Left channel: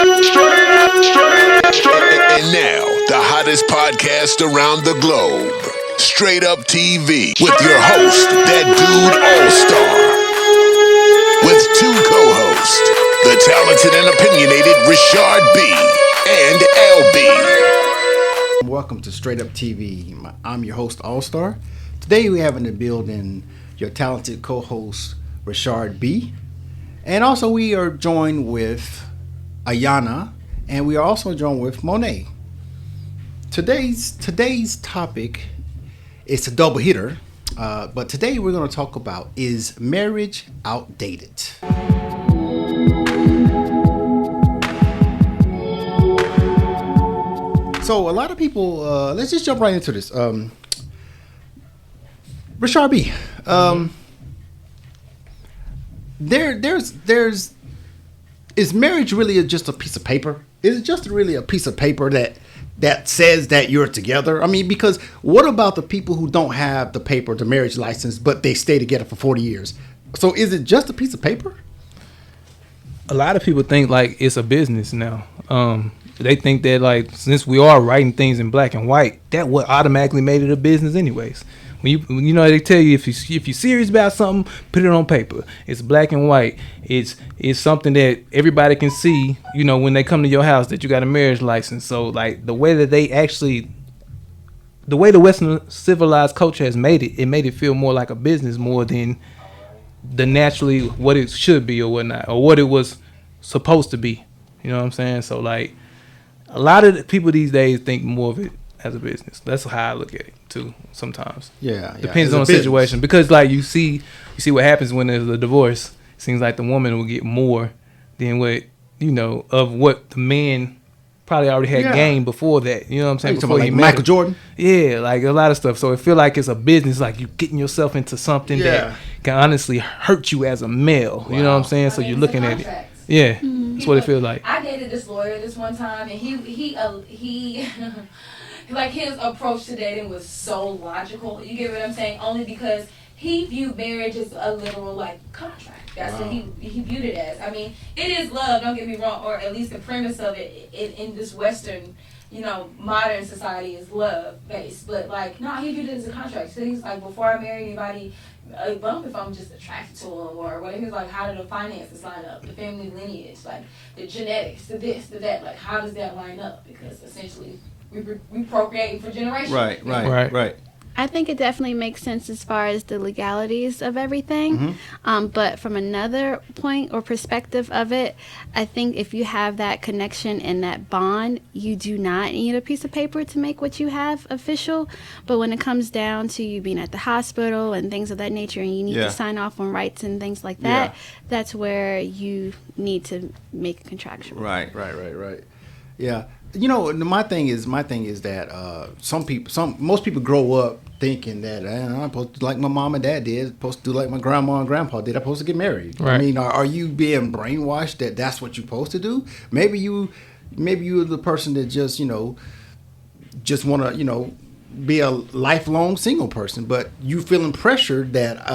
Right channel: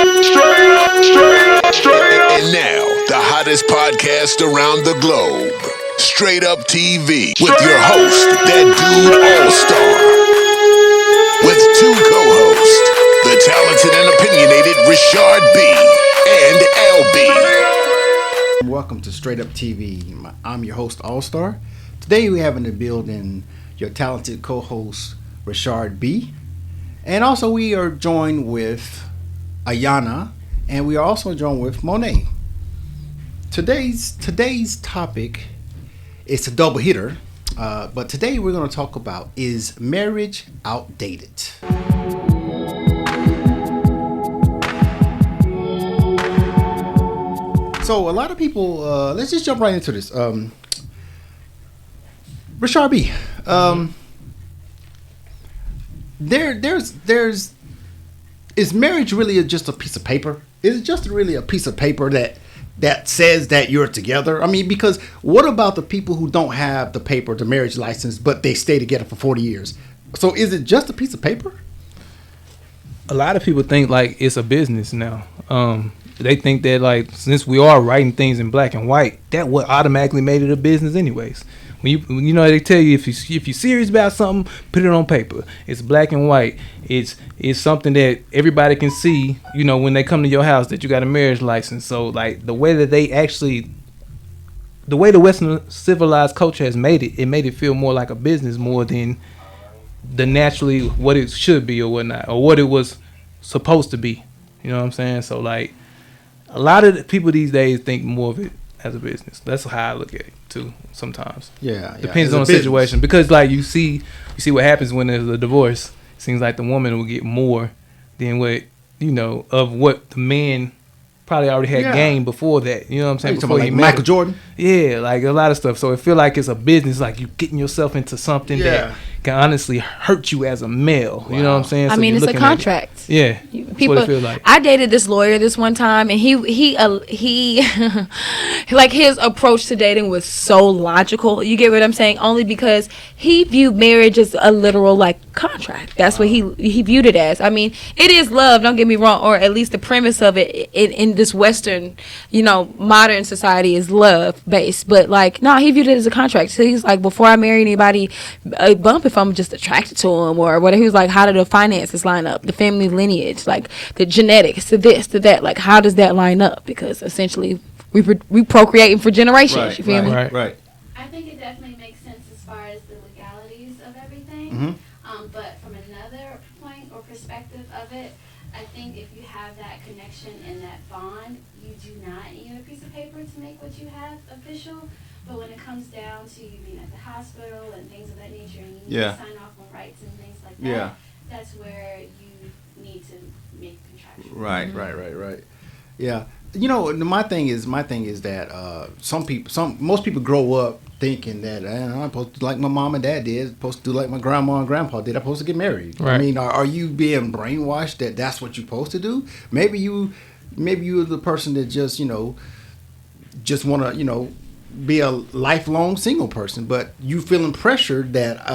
And now, the hottest podcast around the globe. Straight Up TV with your host, that dude All-Star. With two co-hosts, the talented and opinionated Richard B. and LB. Welcome to Straight Up TV. I'm your host, All-Star. Today we have in the building your talented co-host, Richard B. And also we are joined with Ayana, and we are also joined with Monet. Today's topic is a double hitter, but today we're going to talk about, is marriage outdated? So a lot of people, let's just jump right into this. Richard B, is marriage really just a piece of paper? Is it just really a piece of paper that says that you're together? I mean, because what about the people who don't have the paper, the marriage license, but they stay together for 40 years? So is it just a piece of paper? A lot of people think like it's a business now. They think that like since we are writing things in black and white, that would automatically made it a business anyways. When you know, they tell you if you're serious about something, put it on paper. It's black and white. It's something that everybody can see. You know, when they come to your house, that you got a marriage license. So like the way that the way the Western civilized culture has made it made it feel more like a business more than the naturally what it should be or whatnot, or what it was supposed to be. You know what I'm saying? So like a lot of the people these days think more of it as a business. That's how I look at it too. Sometimes, depends on the situation. Because like you see what happens when there's a divorce. It seems like the woman will get more than what of what the man probably already had gained before that. You know what I'm saying? Before like Michael Jordan. Yeah, like a lot of stuff. So it feel like it's a business. Like you getting yourself into something that can honestly hurt you as a male. Wow. You know what I'm saying? So you're it's looking a contract. Yeah, that's what it feels like. I dated this lawyer this one time, and he like his approach to dating was so logical. You get what I'm saying? Only because he viewed marriage as a literal like contract. That's what he viewed it as. I mean, it is love. Don't get me wrong, or at least the premise of it in this Western, modern society is love based. But like, no, he viewed it as a contract. So he's like, before I marry anybody, a bump if I'm just attracted to him or whatever. He was like, how do the finances line up? The family lineage, like the genetics, to this, to that. Like, how does that line up? Because essentially, we procreating for generations. Right. I think it definitely makes sense as far as the legalities of everything. Mm-hmm. But from another point or perspective of it, I think if you have that connection and that bond, you do not need a piece of paper to make what you have official. But when it comes down to you being at the hospital and things of that nature, and you need to sign off on rights and things like that, that's where you need to make a contraction. Right. Yeah. My thing is that most people grow up thinking that I'm supposed to do like my mom and dad did, supposed to do like my grandma and grandpa did. I'm supposed to get married. Right. I mean, are you being brainwashed that that's what you're supposed to do? Maybe you're the person that just want to be a lifelong single person, but you feeling pressured that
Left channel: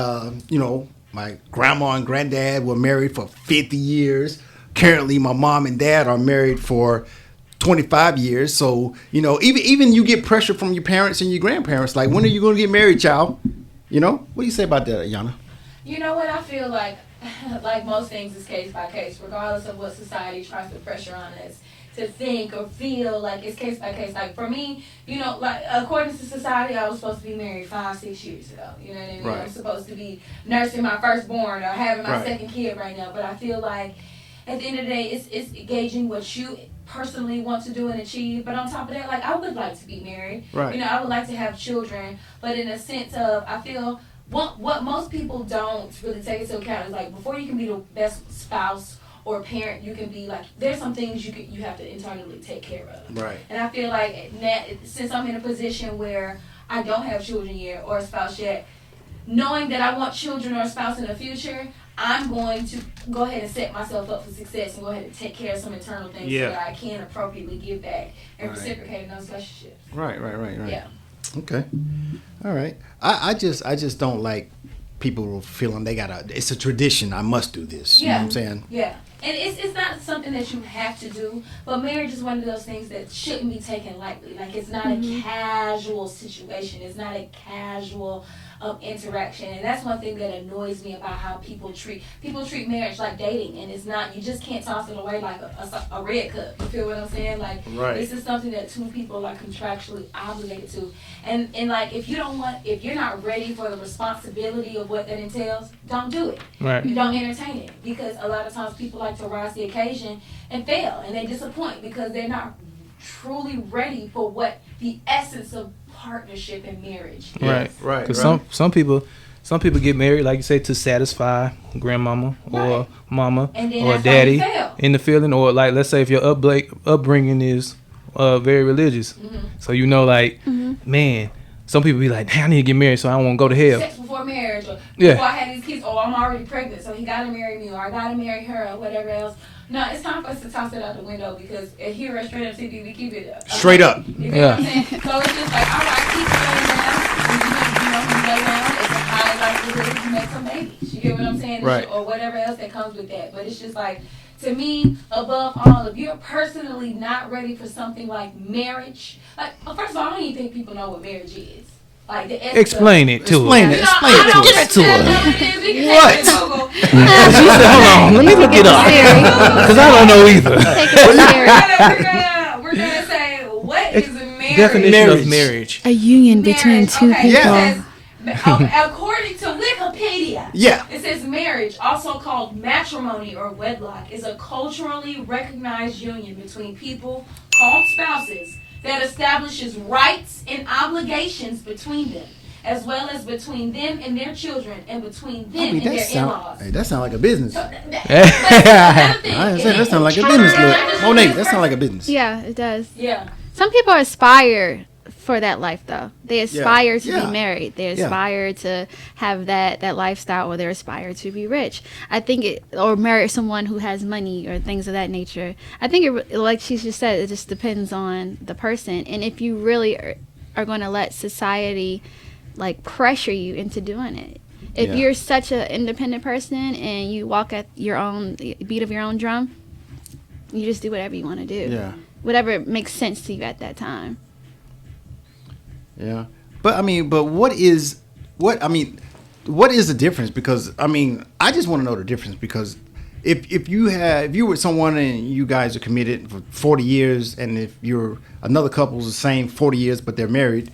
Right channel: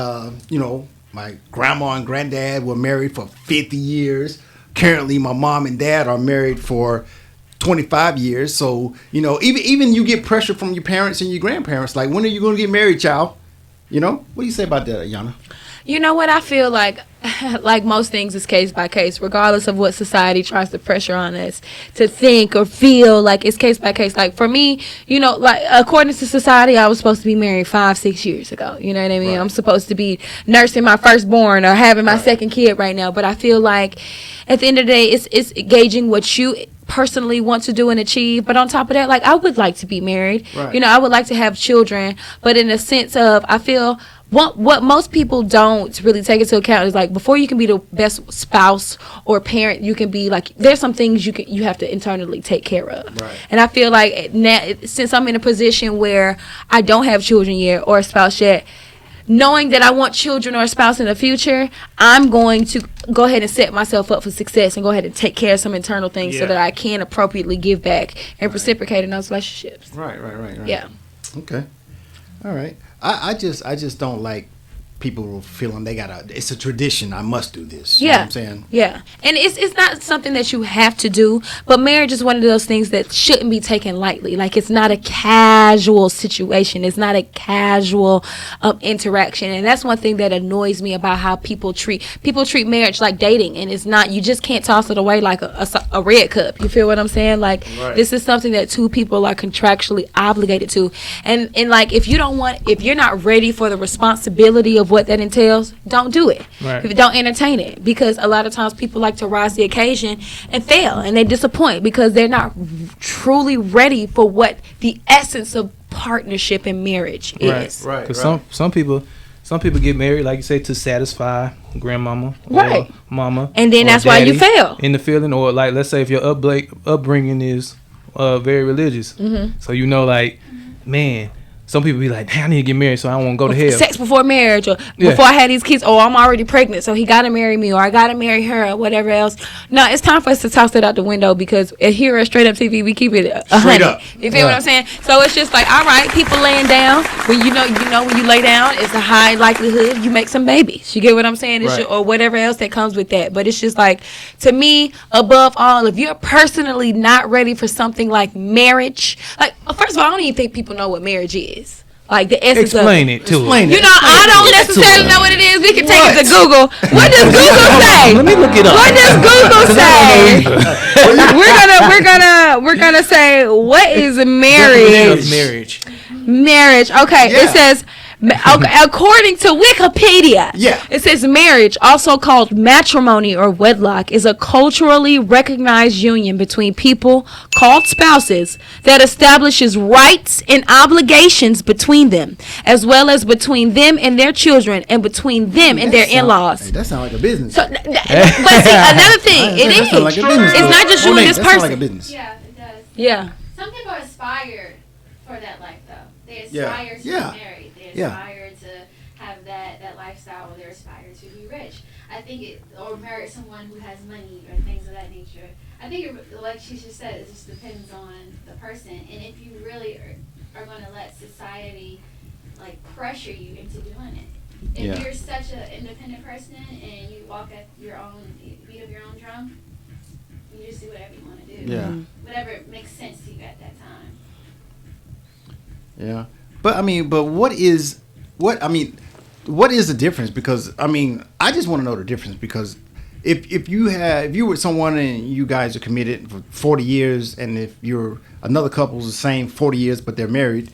my grandma and granddad were married for 50 years. Currently, my mom and dad are married for 25 years. So, even you get pressure from your parents and your grandparents. Like, when are you going to get married, child? What do you say about that, Ayana? You know what? I feel like most things is case by case, regardless of what society tries to pressure on us to think or feel. Like, it's case by case. Like, for me, like, according to society, I was supposed to be married 5-6 years ago. You know what I mean? Right. I'm supposed to be nursing my firstborn or having my second kid right now. But I feel like at the end of the day, it's gauging what you personally want to do and achieve. But on top of that, like, I would like to be married. Right. I would like to have children. But in a sense of, I feel what most people don't really take into account is, like, before you can be the best spouse or parent you can be, like, there's some things you have to internally take care of. Right. And I feel like now, since I'm in a position where I don't have children yet or a spouse yet, knowing that I want children or a spouse in the future, I'm going to go ahead and set myself up for success and go ahead and take care of some internal things so that I can appropriately give back and reciprocate in those relationships. Right. Yeah. Okay. All right. I just don't like people feeling it's a tradition. I must do this. You know what I'm saying? Yeah. And it's not something that you have to do, but marriage is one of those things that shouldn't be taken lightly. Like, it's not a casual situation. It's not a casual interaction. And that's one thing that annoys me about how people treat marriage like dating. And it's not, you just can't toss it away like a red cup. You feel what I'm saying? Like, this is something that two people are contractually obligated to. And like, if you're not ready for the responsibility of what that entails, don't do it. Don't entertain it, because a lot of times people like to rise the occasion and fail, and they disappoint because they're not truly ready for what the essence of partnership and marriage is. Right. Because some people get married, like you say, to satisfy grandmama or mama, and then or that's why you daddy fail in the feeling, or like, let's say if your upbringing is very religious, so like, man. Some people be like, I need to get married so I won't go to hell. Sex before marriage, or before I had these kids, or I'm already pregnant, so he got to marry me, or I got to marry her, or whatever else. No, it's time for us to toss that out the window, because here at Straight Up TV, we keep it straight up. You feel what I'm saying? So it's just like, all right, people laying down, but you know when you lay down, it's a high likelihood you make some babies. You get what I'm saying? Or whatever else that comes with that. But it's just like, to me, above all, if you're personally not ready for something like marriage, like, first of all, I don't even think people know what marriage is. Like, the essence Explain it to us. I don't necessarily know what it is. We can take it to Google. What does Google Hold say? on, let me look it up. What does Google say? Because I don't know either. We're gonna say, what is Definition marriage? of marriage. A union. Marriage. between two Okay. people. It says, according to Wikipedia, it says marriage, also called matrimony or wedlock, is a culturally recognized union between people called spouses that establishes rights and obligations between them, as well as between them and their children, and between them and their in-laws. Hey, that sounds like a business. But see, another thing, That sounds like a business. It's not just you Monet, and this that person. sounds like a business. Yeah, it does. Yeah. Some people aspire for that life, though. They aspire to Yeah. be married. They aspire to have that lifestyle, or they aspire to be rich. I think or marry someone who has money or things of that nature. I think like she just said, it just depends on the person, and if you really are going to let society like pressure you into doing it. If you're such an independent person and you walk at your own beat of your own drum, you just do whatever you want to do. Yeah. Whatever makes sense to you at that time. Yeah, but what is the difference? Because I just want to know the difference, because if you were someone and you guys are committed for 40 years, and if you're another couple's the same 40 years but they're married,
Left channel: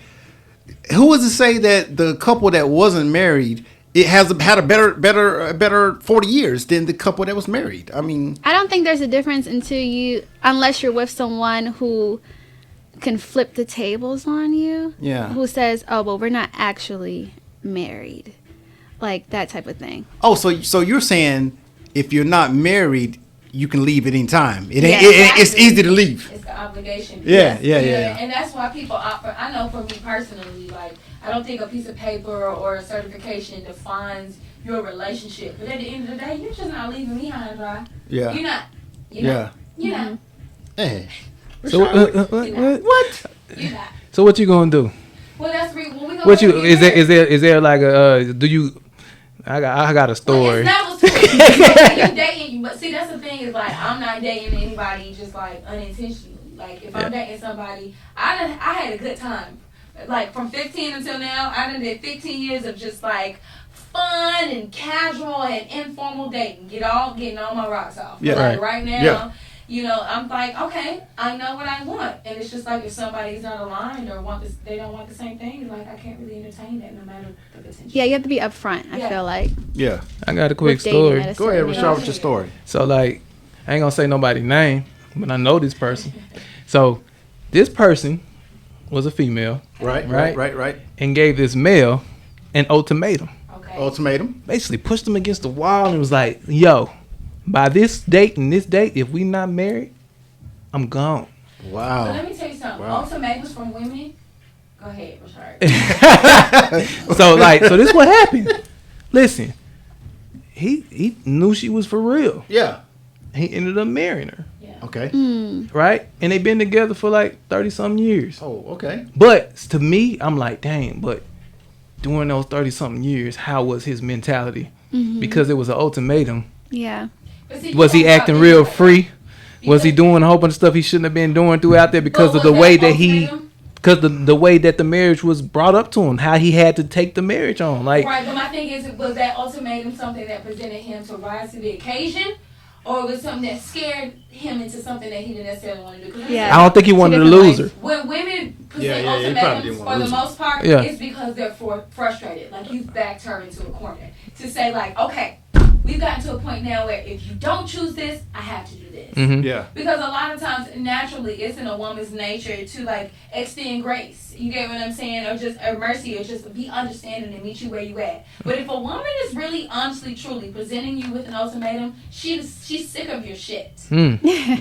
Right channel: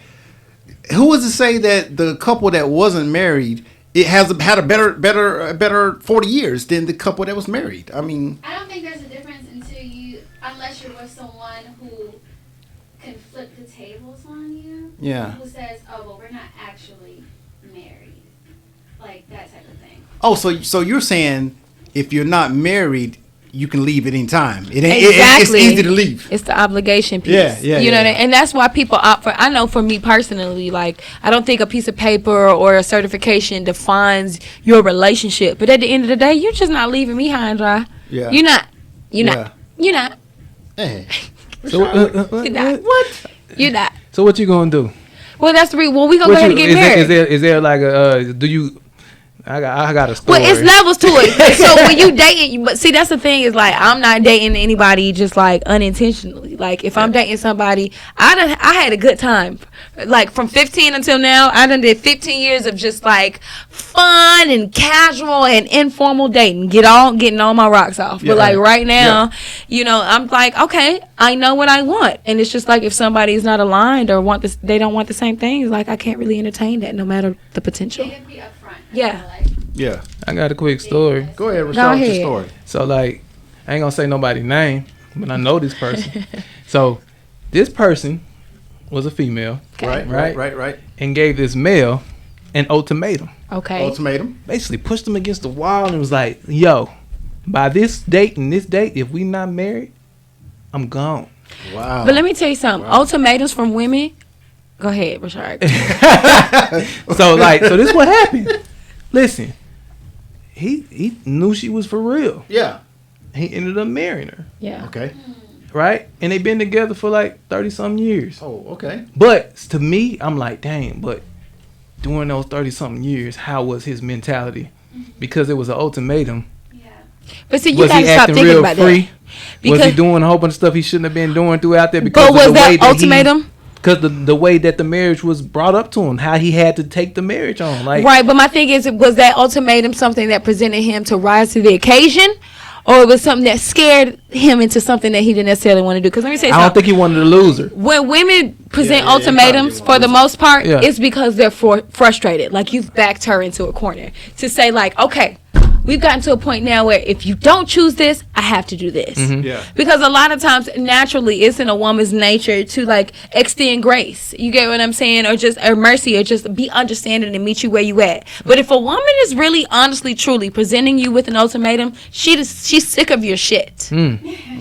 who was to say that the couple that wasn't married had a better 40 years than the couple that was married? I don't think there's a difference unless you're with someone who can flip the tables on you. Yeah. Who says, "Oh, well, we're not actually married," like that type of thing. Oh, so you're saying if you're not married, you can leave at any time. It's Exactly. easy to leave. It's the obligation piece. Yeah. And that's why people opt for. I know for me personally, like, I don't think a piece of paper or a certification defines your relationship. But at the end of the day, you're just not leaving me high and dry. Yeah. You're not. Hey. So What? You're not. So what you gonna do? Well, that's the reason. Well, we gonna go ahead and get married. Is there like a do you? I got a story. Well, it's levels to it. So when you dating, but see, that's the thing is, like, I'm not dating anybody just like unintentionally. Like, if I'm dating somebody, I had a good time. Like, from 15 until now, I done did 15 years of just like fun and casual and informal dating, getting all my rocks off. But like right now, I'm like, okay, I know what I want, and it's just like if somebody is not aligned or they don't want the same things, like I can't really entertain that, no matter the potential. Yeah, you have to be upfront. I feel like. Yeah. I got a quick story. Go ahead, Rashad, with your story. So, like, I ain't gonna say nobody's name, but I know this person. So this person was a female, Right. and gave this male an ultimatum. Okay. Ultimatum. Basically pushed him against the wall and was like, yo, by this date and this date, if we not married, I'm gone. Wow. But let me tell you something. Ultimatums from women. Go ahead, Rashard. So this is what happened. Listen, he knew she was for real. Yeah. He ended up marrying her. Yeah. Okay. Right? And they've been together for like 30 some years. Oh, okay. But to me, I'm like, dang, but during those 30-something years, how was his mentality? Because it was an ultimatum. Yeah. But see, Was he acting real free? Was he doing a whole bunch of stuff he shouldn't have been doing throughout there because of the way that ultimatum? Because the way that the marriage was brought up to him, how he had to take the marriage on, like right. But my thing is, was that ultimatum something that presented him to rise to the occasion, or it was something that scared him into something that he didn't necessarily want to do? Because let me say, I don't think he wanted to lose her. When women present Yeah, ultimatums, for the most part, Yeah. it's because they're frustrated. Like, you've backed her into a corner to say, like, okay, we've gotten to a point now where if you don't choose this, I have to do this. Yeah. Because a lot of times, naturally, it's in a woman's nature to, like, extend grace. You get what I'm saying? Or mercy, or just be understanding and meet you where you at. But if a woman is really, honestly, truly presenting you with an ultimatum, she's sick of your shit.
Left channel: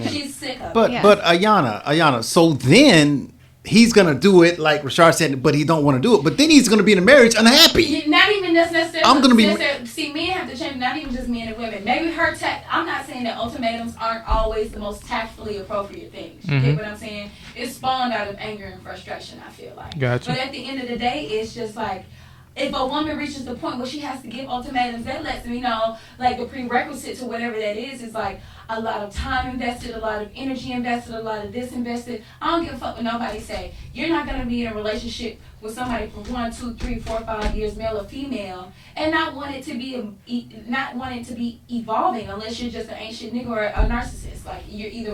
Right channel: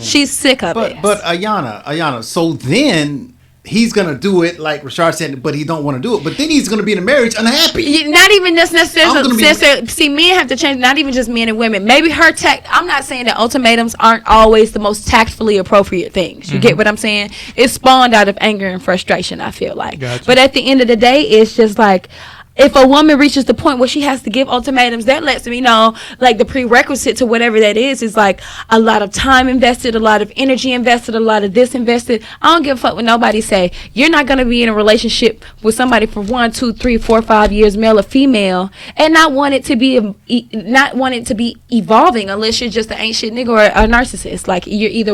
She's sick of it. But Ayana, so then he's gonna do it like Rashard said, but he don't want to do it. But then he's gonna be in a marriage unhappy. Not even I'm gonna necessarily. See, men have to change. Not even just men and women. Maybe her tact. I'm not saying that ultimatums aren't always the most tactfully appropriate things. You get what I'm saying? It's spawned out of anger and frustration, I feel like. Gotcha. But at the end of the day, it's just like, if a woman reaches the point where she has to give ultimatums, that lets me know, like, the prerequisite to whatever that is like a lot of time invested, a lot of energy invested, a lot of this invested. I don't give a fuck what nobody say. You're not gonna be in a relationship with somebody for 1, 2, 3, 4, 5 years, male or female, and not want it to be evolving unless you're just an ain't shit nigga or a narcissist. Like, you're either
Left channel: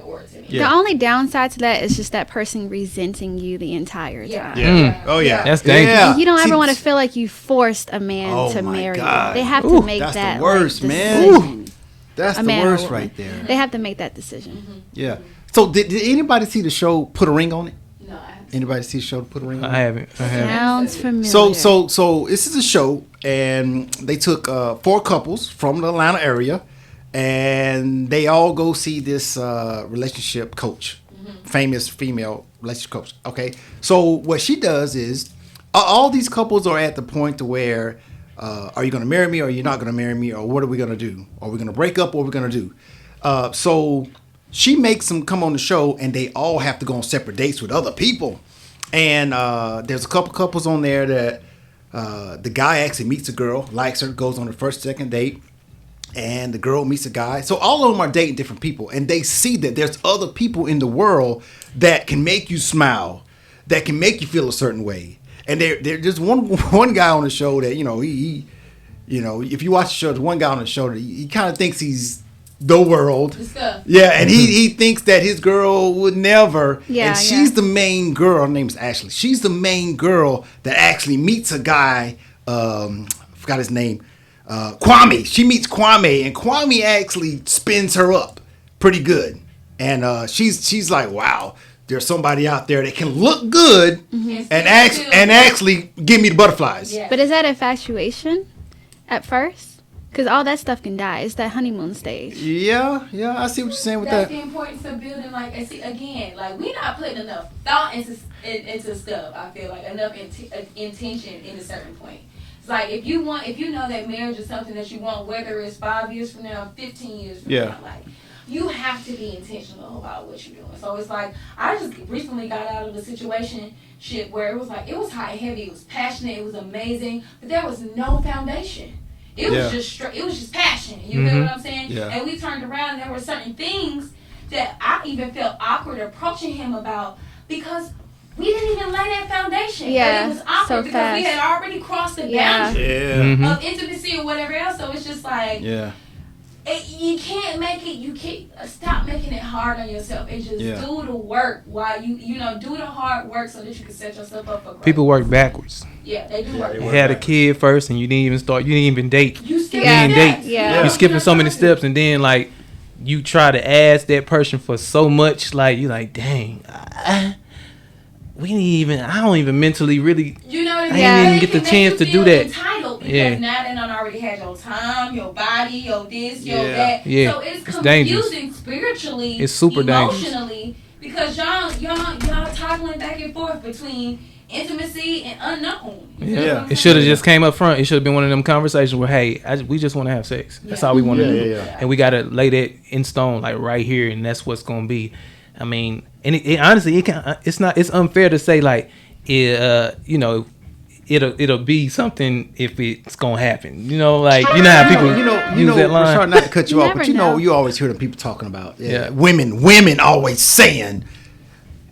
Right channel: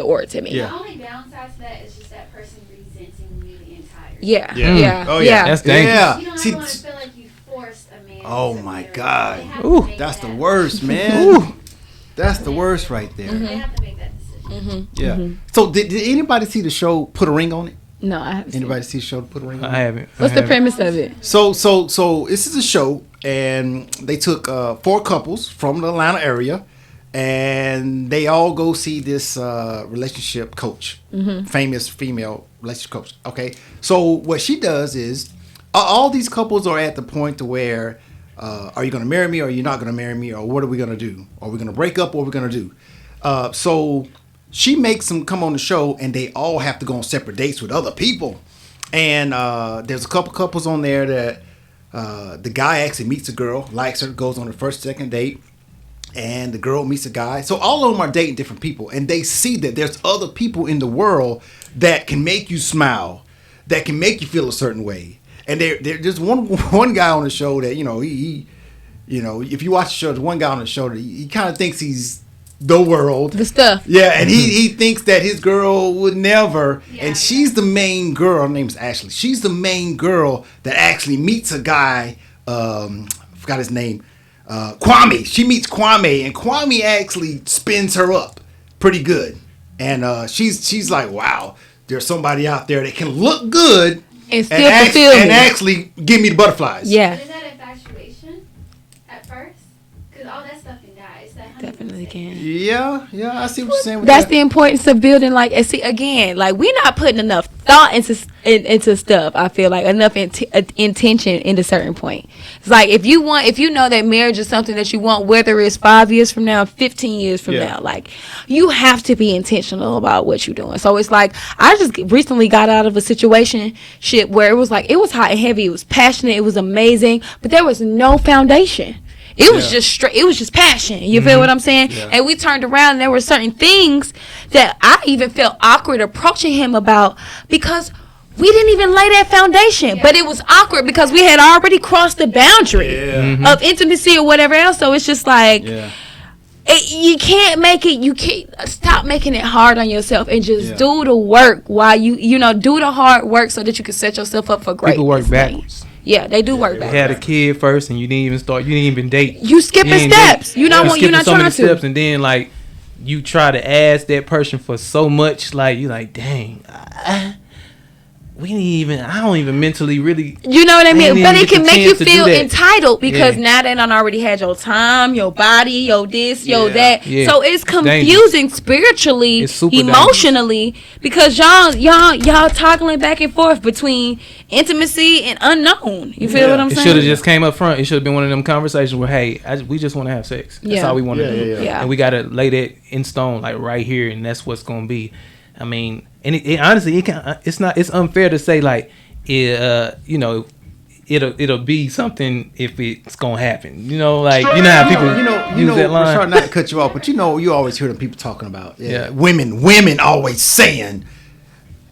or to me. The only downside to that is just that person resenting you the entire time. Yeah. Oh yeah. That's dangerous. Yeah. You don't See, ever want to feel like you forced a man Oh to my marry God. you. They have to make That's that. the worst, like, man. decision. That's A the man worst or right there. They have to make that decision. Yeah. So did anybody see the show Put a Ring on It? No, I haven't. Anybody see the show Put a Ring on It? I haven't. What's the premise Sounds of it? familiar. So this is a show, and they took 4 couples from the Atlanta area, and they all go see this relationship coach, famous female relationship coach. Okay, so what she does is, all these couples are at the point to where, are you going to marry me, or are you not going to marry me, or what are we going to do? Are we going to break up, or what are we going to do? So she makes them come on the show, and they all have to go on separate dates with other people. And there's a couple couples on there that the guy actually meets a girl, likes her, goes on the first, second date, and the girl meets a guy. So all of them are dating different people, and they see that there's other people in the world that can make you smile, that can make you feel a certain way. And there's one guy on the show that, he if you watch the show, there's one guy on the show that he kind of thinks he's the world. The stuff. Yeah, and he thinks that his girl would never. Yeah, and she's the main girl. Her name's Ashley. She's the main girl that actually meets a guy. I forgot his name. Kwame. She meets Kwame, and Kwame actually spins her up pretty good. And she's like, wow, there's somebody out there that can look good and actually give me the butterflies. Yeah. But is that infatuation at first? Because all that stuff can die. It's that honeymoon stage. Yeah, I see what you're saying with That's that. the importance of building, like, and see, again, like, we're not putting enough thought into stuff. I feel like enough intention into certain point. It's like, if you know that marriage is something that you want, whether it's 5 years from now, 15 years from now, like, you have to be intentional about what you're doing. So it's like, I just recently got out of a situation where it was like, it was hot and heavy, it was passionate, it was amazing, but there was no foundation. It was just straight. It was just passion. You feel what I'm saying? Yeah. And we turned around, and there were certain things that I even felt awkward approaching him about because we didn't even lay that foundation. Yeah, but it was awkward because we had already crossed the boundary of intimacy or whatever else. So it's just like, you can't make it. You can't stop making it hard on yourself and just do the work while you do the hard work so that you can set yourself up for greatness. People work backwards. Yeah, they do work. They had a kid first, and you didn't even date. You skipping steps. Yeah. You skipping so many steps, and then like you try to ask that person for so much. Like you like, dang, I don't even mentally really. You know what I mean? didn't But even it get can the make you chance to do feel that. entitled because Yeah. now they done already had your time, your body, your this, your that. Yeah. So it's dangerous. confusing spiritually, It's super emotionally, because y'all toggling back and forth between intimacy and unknown. You feel what I'm It saying? should have just came up front. It should have been one of them conversations where, hey, we just want to have sex. That's all we want to do. Yeah. And we got to lay that in stone, like right here, and that's what's going to be. I mean, and it honestly, it's unfair to say, like, if it'll be something if it's gonna happen. You know, like you know how people use that line. Sorry not to cut you off, but Never know. you always hear them people talking about Yeah. women always saying.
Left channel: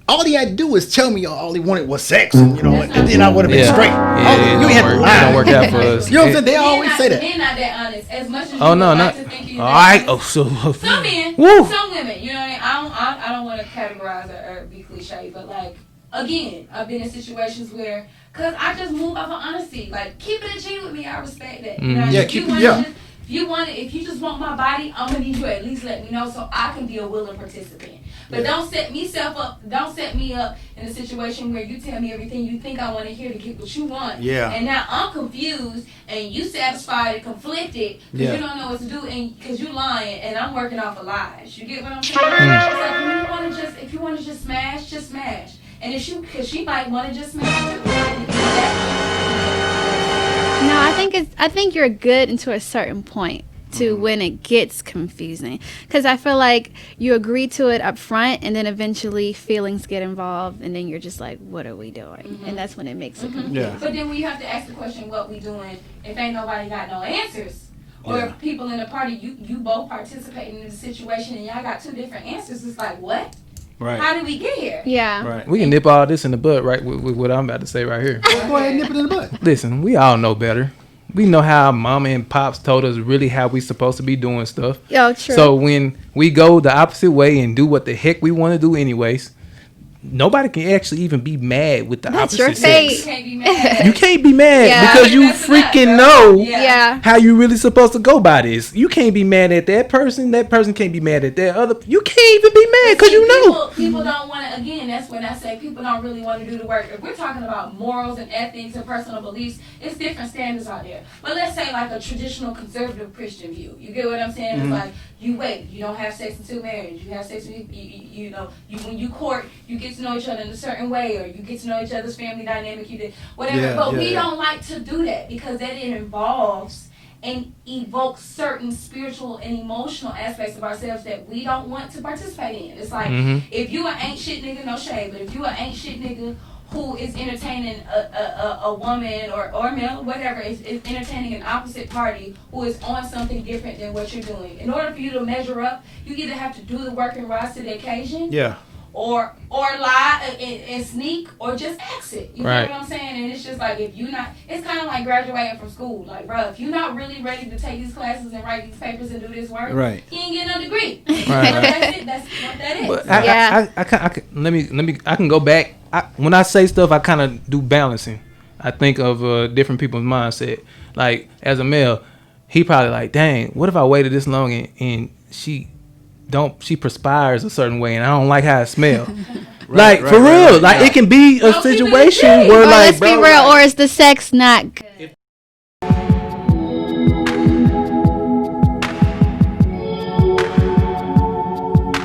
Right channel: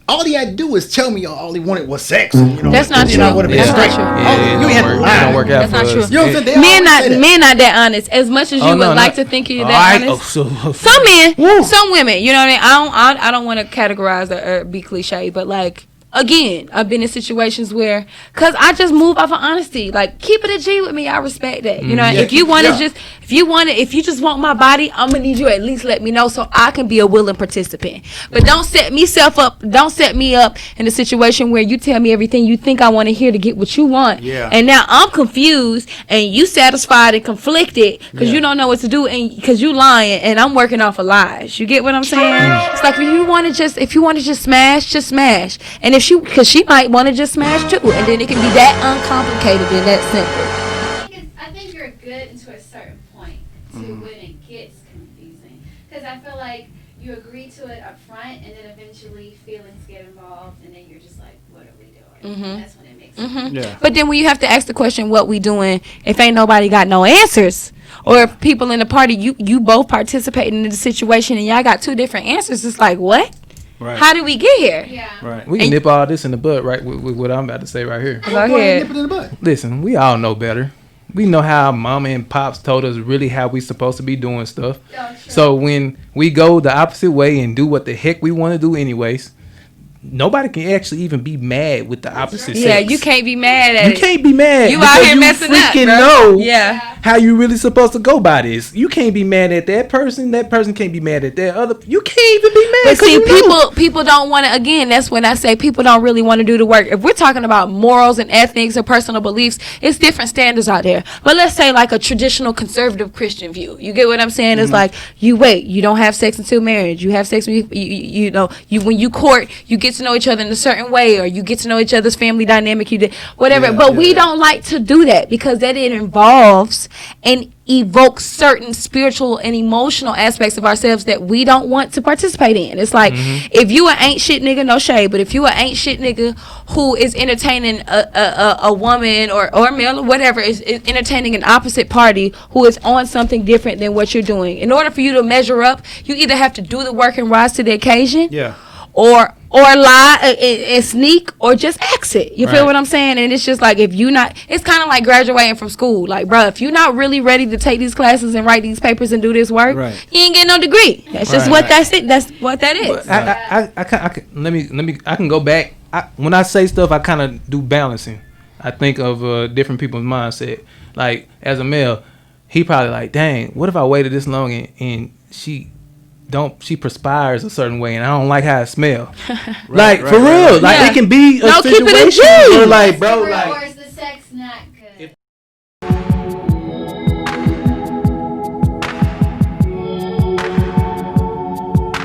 All he had to do was tell me all he wanted was sex. And, That's not and then true. I would have been Yeah. straight. Yeah, You ain't had to it lie. don't work out That's for not us. true. You know what I'm saying? They always say that. Men not that honest. As much as you Oh would no, like not, to think you're all that right. honest. So Some men, Woo. some women, you know what I mean? I don't want to categorize or be cliche, but like, again, I've been in situations where, cause I just move off of honesty. Like, keep it a G with me. I respect that. You know, Yeah, if you keep- want yeah. to if you just want my body, I'm gonna need you to at least let me know so I can be a willing participant. But don't set me up in a situation where you tell me everything you think I want to hear to get what you want. Yeah. And now I'm confused and you satisfied and conflicted because Yeah. you don't know what to do and because you lying and I'm working off of lies. You get what I'm saying? It's like if you want to just smash, just smash. And because she might want to just smash too, and then it can be that uncomplicated and that simple. No, I think you're good until a certain point to when it gets confusing, because I feel like you agree to it up front and then eventually feelings get involved and then you're just like, what are we doing? And that's when it makes it Yeah. But then when you have to ask the question, what we doing, if ain't nobody got no answers, or if people in the party, you both participating in the situation and y'all got two different answers, it's like, what? Right. How did we get here? yeah. Right. we can nip all this in the bud, right? With what I'm about to say right here. Go Go ahead and ahead. nip it in the butt. Listen, we all know better. We know how mama and pops told us really how we supposed to be doing stuff. Oh, true. So when we go the opposite way and do what the heck we want to do anyways, nobody can actually even be mad with the That's your opposite Yeah, sex. take. you can't be mad at You it. can't be mad Yeah, because out you here messing up, freaking bro. know Yeah. how you really supposed to go by this. You can't be mad at that person. That person can't be mad at that other. You can't even be mad But because see, you know. people don't want to. Again, that's when I say people don't really want to do the work. If we're talking about morals and ethics or personal beliefs, it's different standards out there. But let's say like a traditional conservative Christian view. You get what I'm saying? It's like you don't have sex until marriage. You have sex when when you court, you get to know each other in a certain way, or you get to know each other's family dynamic. You did whatever. Yeah, but yeah, we yeah. don't like to do that because that it involves and evokes certain spiritual and emotional aspects of ourselves that we don't want to participate in. It's like if you an ain't shit nigga, no shade, but if you an ain't shit nigga who is entertaining a woman or male or whatever is entertaining an opposite party who is on something different than what you're doing, in order for you to measure up, you either have to do the work and rise to the occasion, Yeah. or lie and sneak, or just exit. You Right. feel what I'm saying? And it's just like, if you not, it's kind of like graduating from school. Like, bro, if you're not really ready to take these classes and write these papers and do this work, Right. you ain't getting no degree. That's just Right. what that's it. That's what that is. But Yeah. I can let me I can go back. When I say stuff, I kind of do balancing. I think of different people's mindset. Like as a male, he probably like, dang, what if I waited this long and she perspires a certain way and I don't like how it smell. Like right, for right, real, right. like Yeah. it can be a No, keep it in situation G. where Or like, let's bro, be real, like, or is the sex not good?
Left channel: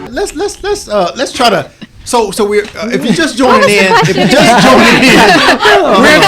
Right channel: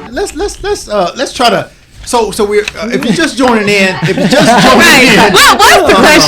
Let's try to. So we're if you're just joining in, we're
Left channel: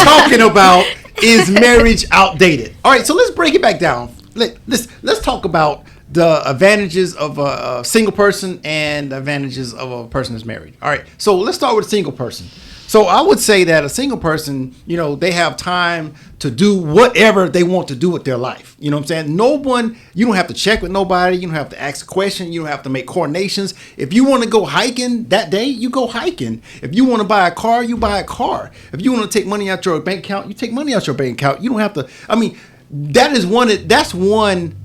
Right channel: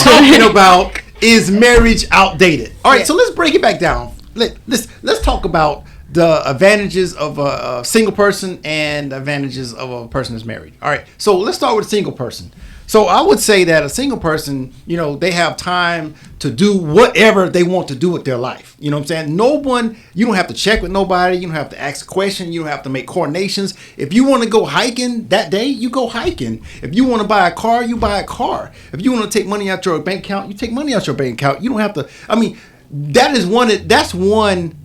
talking about, is marriage outdated? All right, so let's break it back down. Let's talk about the advantages of a single person and the advantages of a person that's married. All right, so let's start with a single person. So I would say that a single person, they have time to do whatever they want to do with their life. You know what I'm saying? You don't have to check with nobody. You don't have to ask a question. You don't have to make coordinations. If you want to go hiking that day, you go hiking. If you want to buy a car, you buy a car. If you want to take money out your bank account, you take money out your bank account. You don't have to. I mean, that's one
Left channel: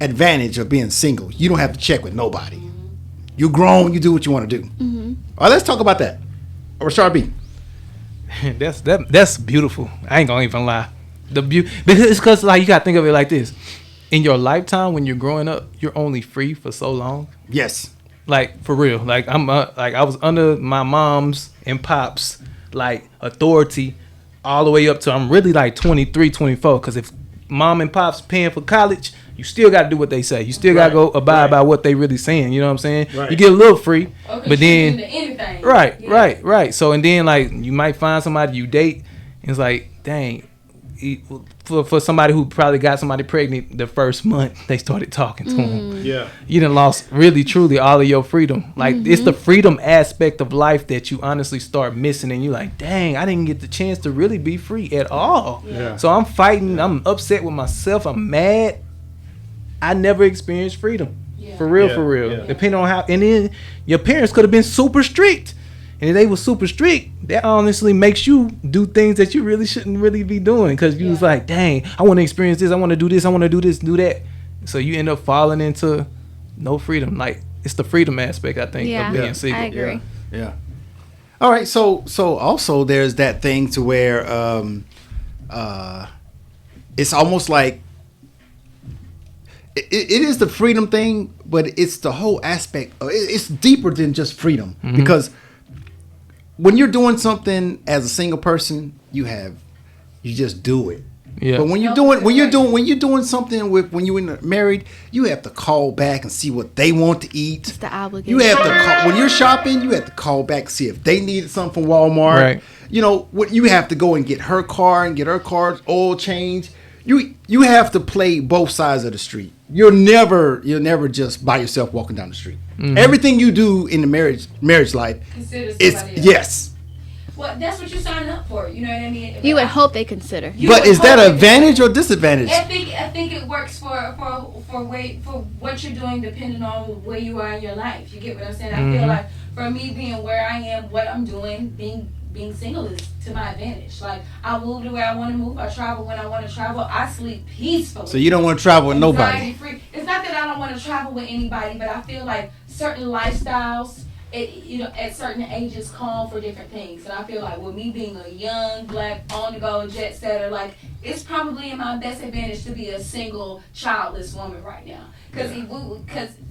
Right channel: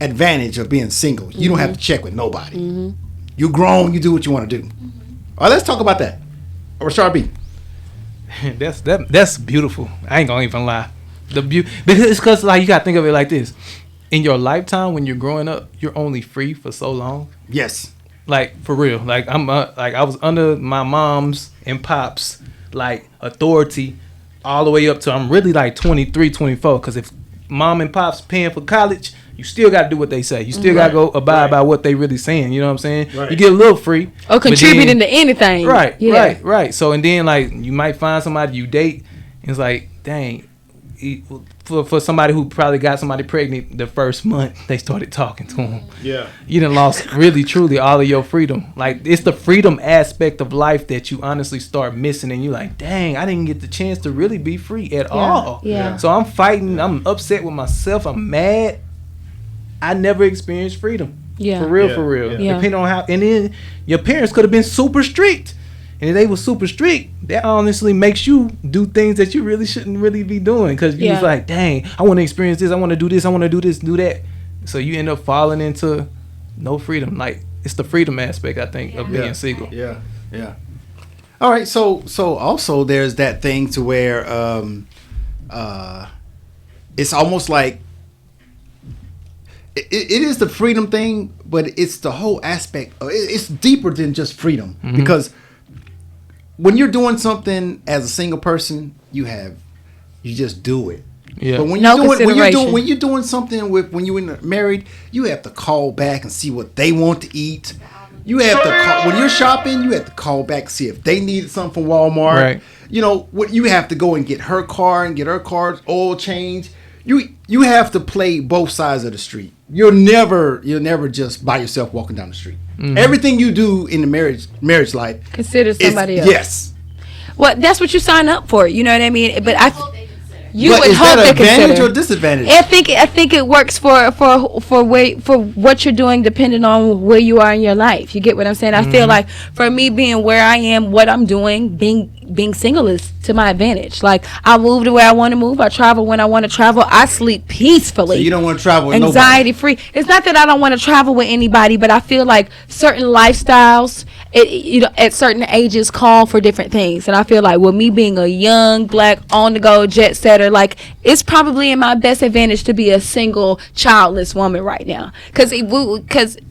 advantage of being single. You don't have to check with nobody. You're grown. You do what you want to do. All right, let's talk about that. Rashard B. that's beautiful. I ain't gonna even lie. Because like you gotta think of it like this. In your lifetime, when you're growing up, you're only free for so long. Yes. Like for real. Like I was under my mom's and pops like authority all the way up to I'm really like 23, 24. Because if mom and pops paying for college, you still got to do what they say. You still got to go abide by what they really saying. You know what I'm saying? Right. You get a little free. Or but then- contributing to anything. Right, Yeah. right. So and then like you might find somebody you date, and it's like, dang, for somebody who probably got somebody pregnant the first month they started talking to him. Yeah. You done lost really truly all of your freedom. Like it's the freedom aspect of life that you honestly start missing, and you like, dang, I didn't get the chance to really be free at all. Yeah. So I'm fighting, I'm upset with myself, I'm mad. I never experienced freedom. Yeah. For real, Yeah. for real. Yeah. Depending on how, and then your parents could have been super strict. And if they were super strict, that honestly makes you do things that you really shouldn't really be doing. Because you was like, dang, I want to experience this. I want to do this. I want to do this, do that. So you end up falling into no freedom. Like, it's the freedom aspect, I think, of being single. I agree. Yeah. Yeah. All right. So also there's that thing to where it's almost like it is the freedom thing, but it's the whole aspect. It's deeper than just freedom because when you're doing something as a single person, you just do it. Yeah. But when you're doing something when you're married, you have to call back and see what they want to eat. It's the obligation. You have to call, when you're shopping, you have to call back and see if they needed something from Walmart. Right. You know what? You have to go and get her car and get her car's oil change. You have to play both sides of the street. You're never just by yourself walking down the street. Everything you do in the marriage life Consider somebody else. Yes. Well, that's what you sign up for. You know what I mean? But I hope they consider. But is that an advantage or disadvantage? I think it works for what you're doing, depending on where you are in your life. You get what I'm saying? I feel like for me being where I am, what I'm doing, being single is to my advantage. Like I move the way I want to move. I travel when I want to travel. I sleep peacefully. So you don't want to travel with nobody. Anxiety free. It's not that I don't want to travel with anybody, but I feel like certain lifestyles, at certain ages call for different things. And I feel like with me being a young, black, on-the-go jet setter, like it's probably in my best advantage to be a single, childless woman right now. Because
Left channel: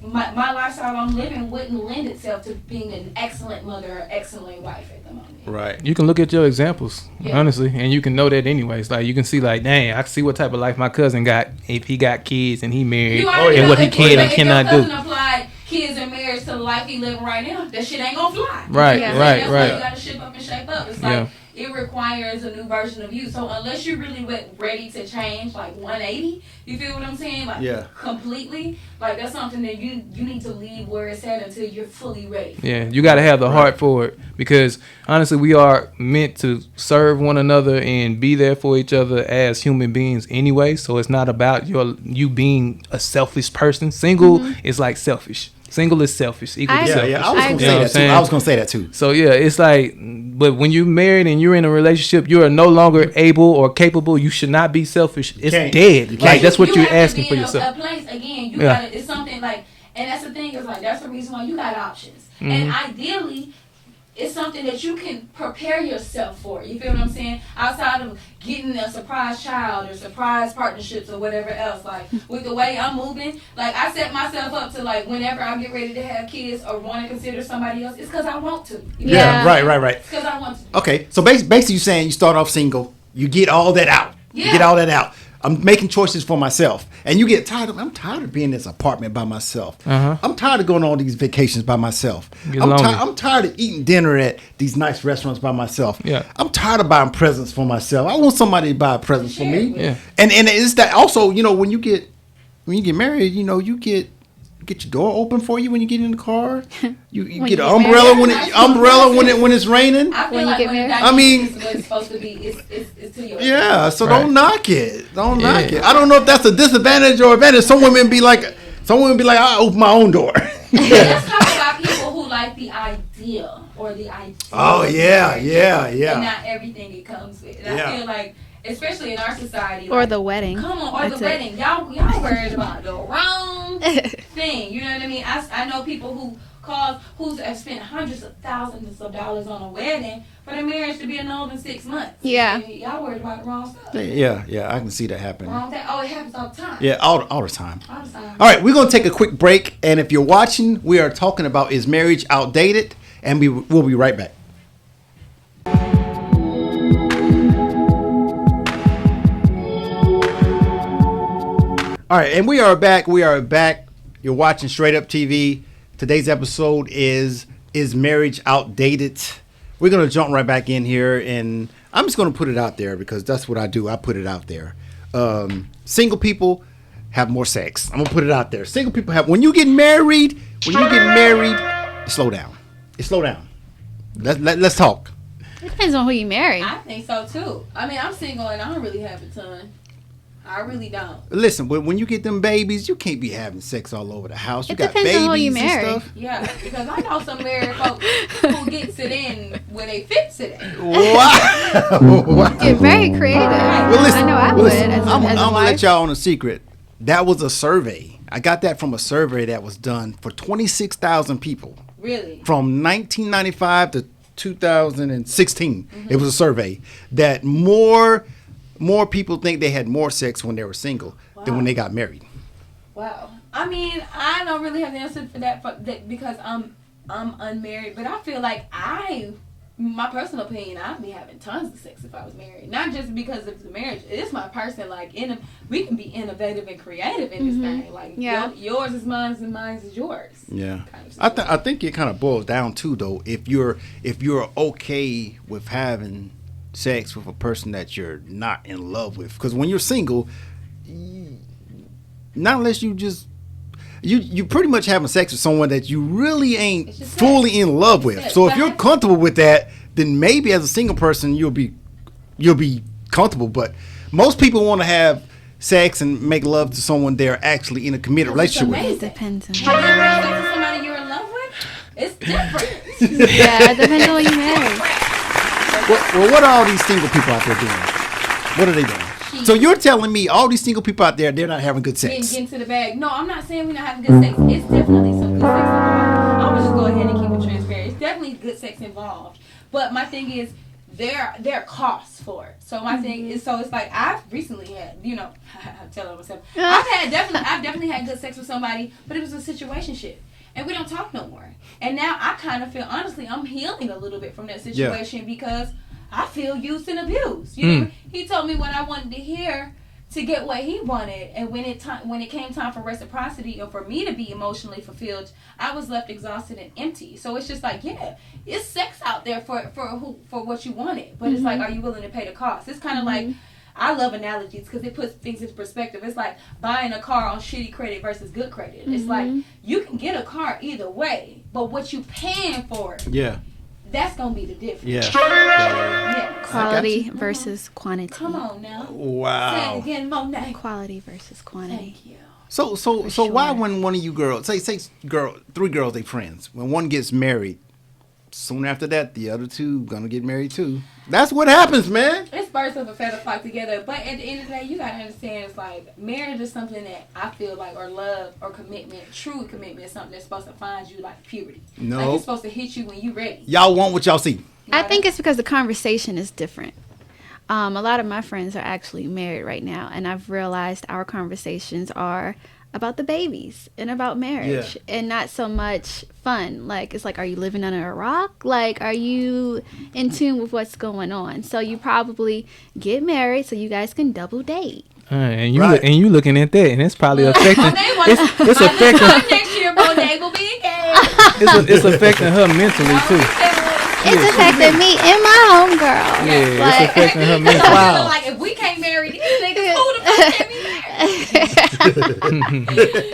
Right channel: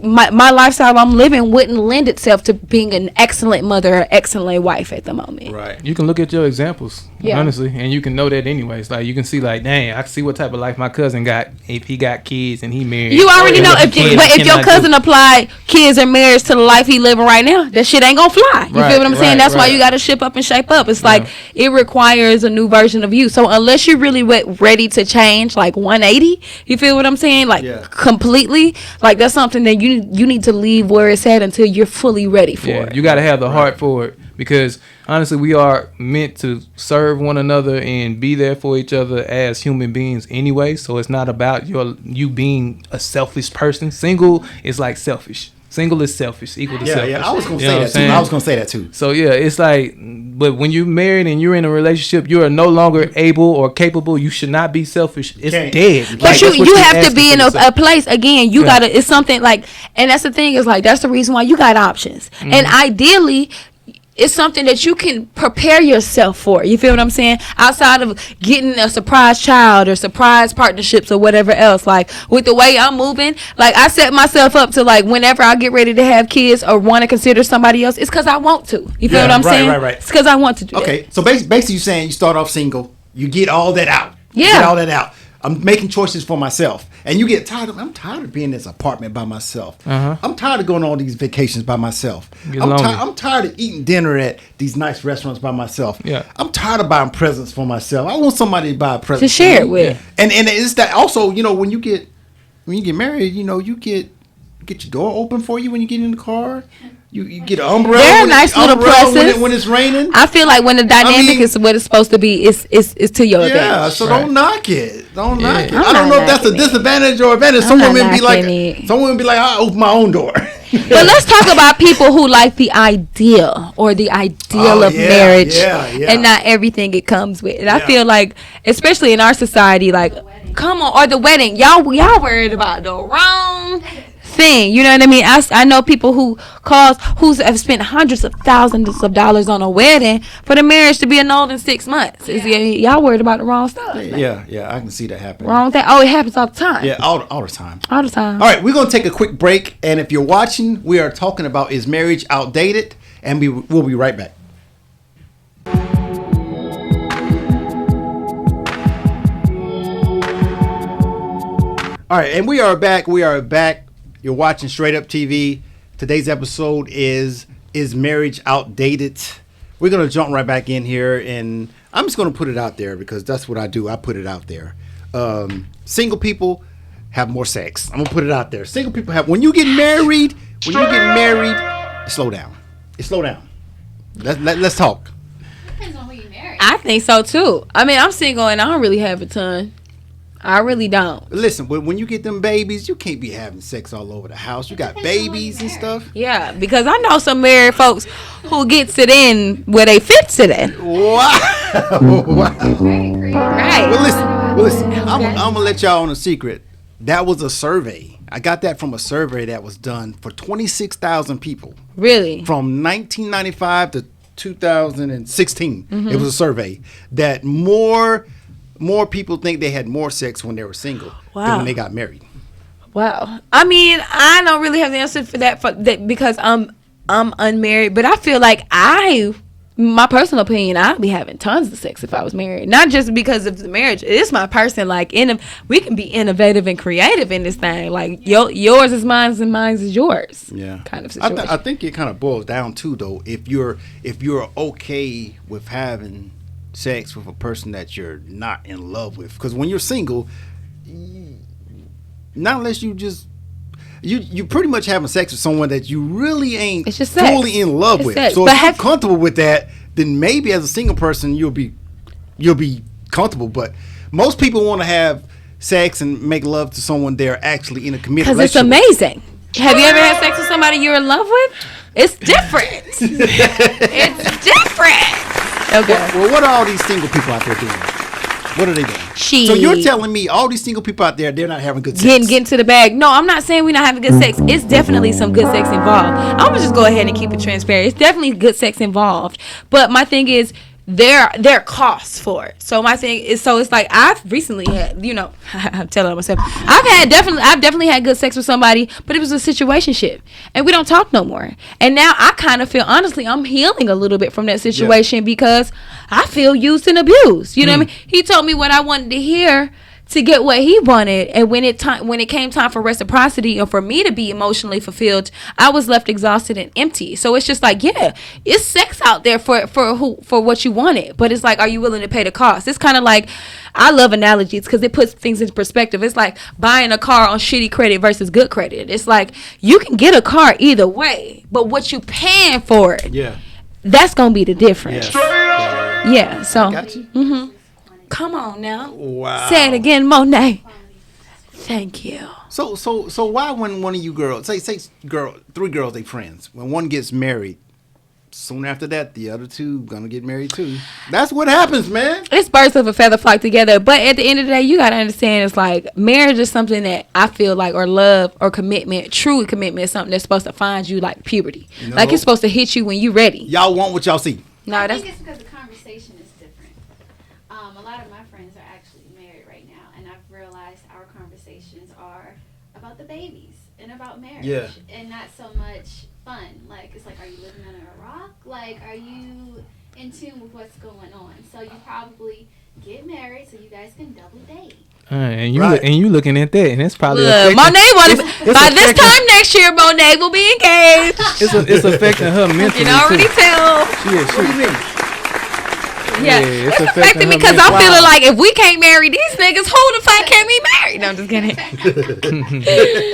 my lifestyle I'm living wouldn't lend itself to being an excellent mother or excellent wife at the moment. Right. You can look at your examples, Yeah. honestly, and you can know that anyways. Like you can see, like, dang, I can see what type of life my cousin got if he got kids and he married. You already and know what he if can and your cannot cousin do. applied kids and marriage to the life he living right now, that shit ain't gonna fly. You Right, feel what I'm saying? right, That's why right. you gotta ship up and shape up. It's like it requires a new version of you. So unless you're really ready to change, like 180, you feel what I'm saying? Like completely, like that's something that you need to leave where it's at until you're fully ready for it. You got to have the heart for it because honestly, we are meant to serve one another and be there for each other as human beings anyway. So it's not about you being a selfish person. Single is like selfish. Single is selfish, equal to selfish. I was gonna You know what I'm say that too. saying? I was gonna say that too. So yeah, it's like, but when you're married and you're in a relationship, you are no longer able or capable. You should not be selfish. It's can't. dead. But Like that's what you you're have to asking be for in a yourself. place again. You gotta. It's something like, and that's the thing is like that's the reason why you got options. And ideally, it's something that you can prepare yourself for. You feel what I'm saying? Outside of getting a surprise child or surprise partnerships or whatever else. Like with the way I'm moving, like I set myself up to like whenever I get ready to have kids or want to consider somebody else, it's because I want to. You feel what I'm saying? Right. It's because I want to do Okay, it. so basically you're saying you start off single, you get all that out. You Yeah. get all that out. I'm making choices for myself. And you get tired of, I'm tired of being in this apartment by myself. I'm tired of going on all these vacations by myself. Get lonely. I'm tired of eating dinner at these nice restaurants by myself. Yeah. I'm tired of buying presents for myself. I want somebody to buy a present To share for it me. with. Yeah. And it's that also, you know, when you get married, you know, you get your door open for you when you get in the car. You get an you're umbrella They're when nice little presents. when it's raining. I feel like when the dynamic is what it's supposed to be, it's to your Yeah, advantage. so Right. don't knock it. Don't Yeah. knock it. I'm I don't not know if that's a knocking it. disadvantage or advantage. Some I'm not women be like, knocking it. I open my own door. But let's talk about people who like the idea or the ideal of yeah, marriage yeah. and not everything it comes with. And I Yeah. feel like, especially in our society, Or like the wedding. Come on, or the wedding. Y'all worried about the wrong thing. You know what I mean? I know people who have spent hundreds of thousands of dollars on a wedding for the marriage to be annulled in 6 months. Yeah. Y'all worried about the wrong stuff. yeah, I can see that happening. Wrong thing. Oh, it happens all the time. Yeah, all the time. All the time. All right, we're going to take a quick break. And if you're watching, we are talking about is marriage outdated? And we'll be right back. All right, and we are back. You're watching Straight Up TV. Today's episode is marriage outdated? We're going to jump right back in here, and I'm just going to put it out there because that's what I do. I put it out there. single people have more sex. I'm gonna put it out there. Single people have when you get married, slow down. Slow down. Let's talk. Depends on who you marry. I think so too. I mean, I'm single and I don't really have a ton. I really don't. Listen, when you get them babies, you can't be having sex all over the house. You got depends on who you babies and marry. stuff. Yeah, because I know some married folks who gets it in where they fits it in. Wow. You're very creative. Right. Well, listen. I know I Well, would listen. as I'm a gonna let wife. y'all on a secret. That was a survey. I got that from a survey that was done for 26,000 people Really? from 1995 to 2016. Mm-hmm. It was a survey that more people think they had more sex when they were single than Wow. when they got married. Wow. I mean, I don't really have the answer for that because I'm unmarried, but I feel like my personal opinion, I'd be having tons of sex if I was married. Not just because of the marriage. It's my person. Like, we can be innovative and creative in this thing. Like, Yeah. yours is mine and mine is yours. Yeah, Kind of I situation. think it kind of boils down to though if you're okay with having sex with a person that you're not in love with, because when you're single, not unless you just you pretty much having sex with someone that you really ain't It's just sex. fully in love It's with. sex. So But if you're comfortable with that, then maybe as a single person you'll be comfortable. But most people want to have sex and make love to someone they're actually in a committed Because it's relationship with. amazing. Depends on- Have you ever had sex with somebody you're in love with? It's different. Yeah, it depends on who you marry. Different. Well, what are all these single people out there doing? What are they doing? So you're telling me all these single people out there, they're not having good sex? Getting to the bag. No, I'm not saying we're not having good sex. It's definitely some good sex involved. I'm gonna just go ahead and keep it transparent. It's definitely good sex involved. But my thing is, there are costs for it. So my thing is, so it's like I've recently had, I'm telling myself, I've definitely had good sex with somebody, but it was a situationship, and we don't talk no more. And now I kind of feel, honestly, I'm healing a little bit from that situation because I feel used and abused. You know what I mean? He told me what I wanted to hear to get what he wanted, and when it came time for reciprocity and for me to be emotionally fulfilled, I was left exhausted and empty. So it's just like, yeah, it's sex out there for what you wanted, but it's like, are you willing to pay the cost? It's kind of like, I love analogies because it puts things into perspective. It's like buying a car on shitty credit versus good credit. It's like you can get a car either way, but what you paying for it, Yeah. that's gonna be the difference. Yeah. So Quality versus quantity. come on now. Wow. Say it again, Monet. Quality versus quantity. Thank you. So why when one of you girls, say three girls, they friends, when one gets married, soon after that the other two gonna get married too? That's what happens, man. It's birds of a feather flock together. But at the end of the day, you gotta understand, it's like marriage is something that I feel like, or love or commitment, true commitment is something that's supposed to find you like puberty. No. Like it's supposed to hit you when you're ready. Y'all want what y'all see. No, I think that's- it's because the conversation is different. A lot of my friends are actually married right now, and I've realized our conversations are about the babies and about marriage, and not so much fun. Like, it's like, are you living under a rock? Like, are you in tune with what's going on? So you probably get married so you guys can double date. And you Right. and you looking at that, and it's probably affecting. Monet was it's by this affecting- time next year. Monet will be engaged. It's affecting her You mentally can already too. tell. It's affected me and my homegirl. Yeah, it's Like, affecting her because mentally. I'm feeling like if we can't marry these niggas, who the fuck can we marry? No, I'm just kidding.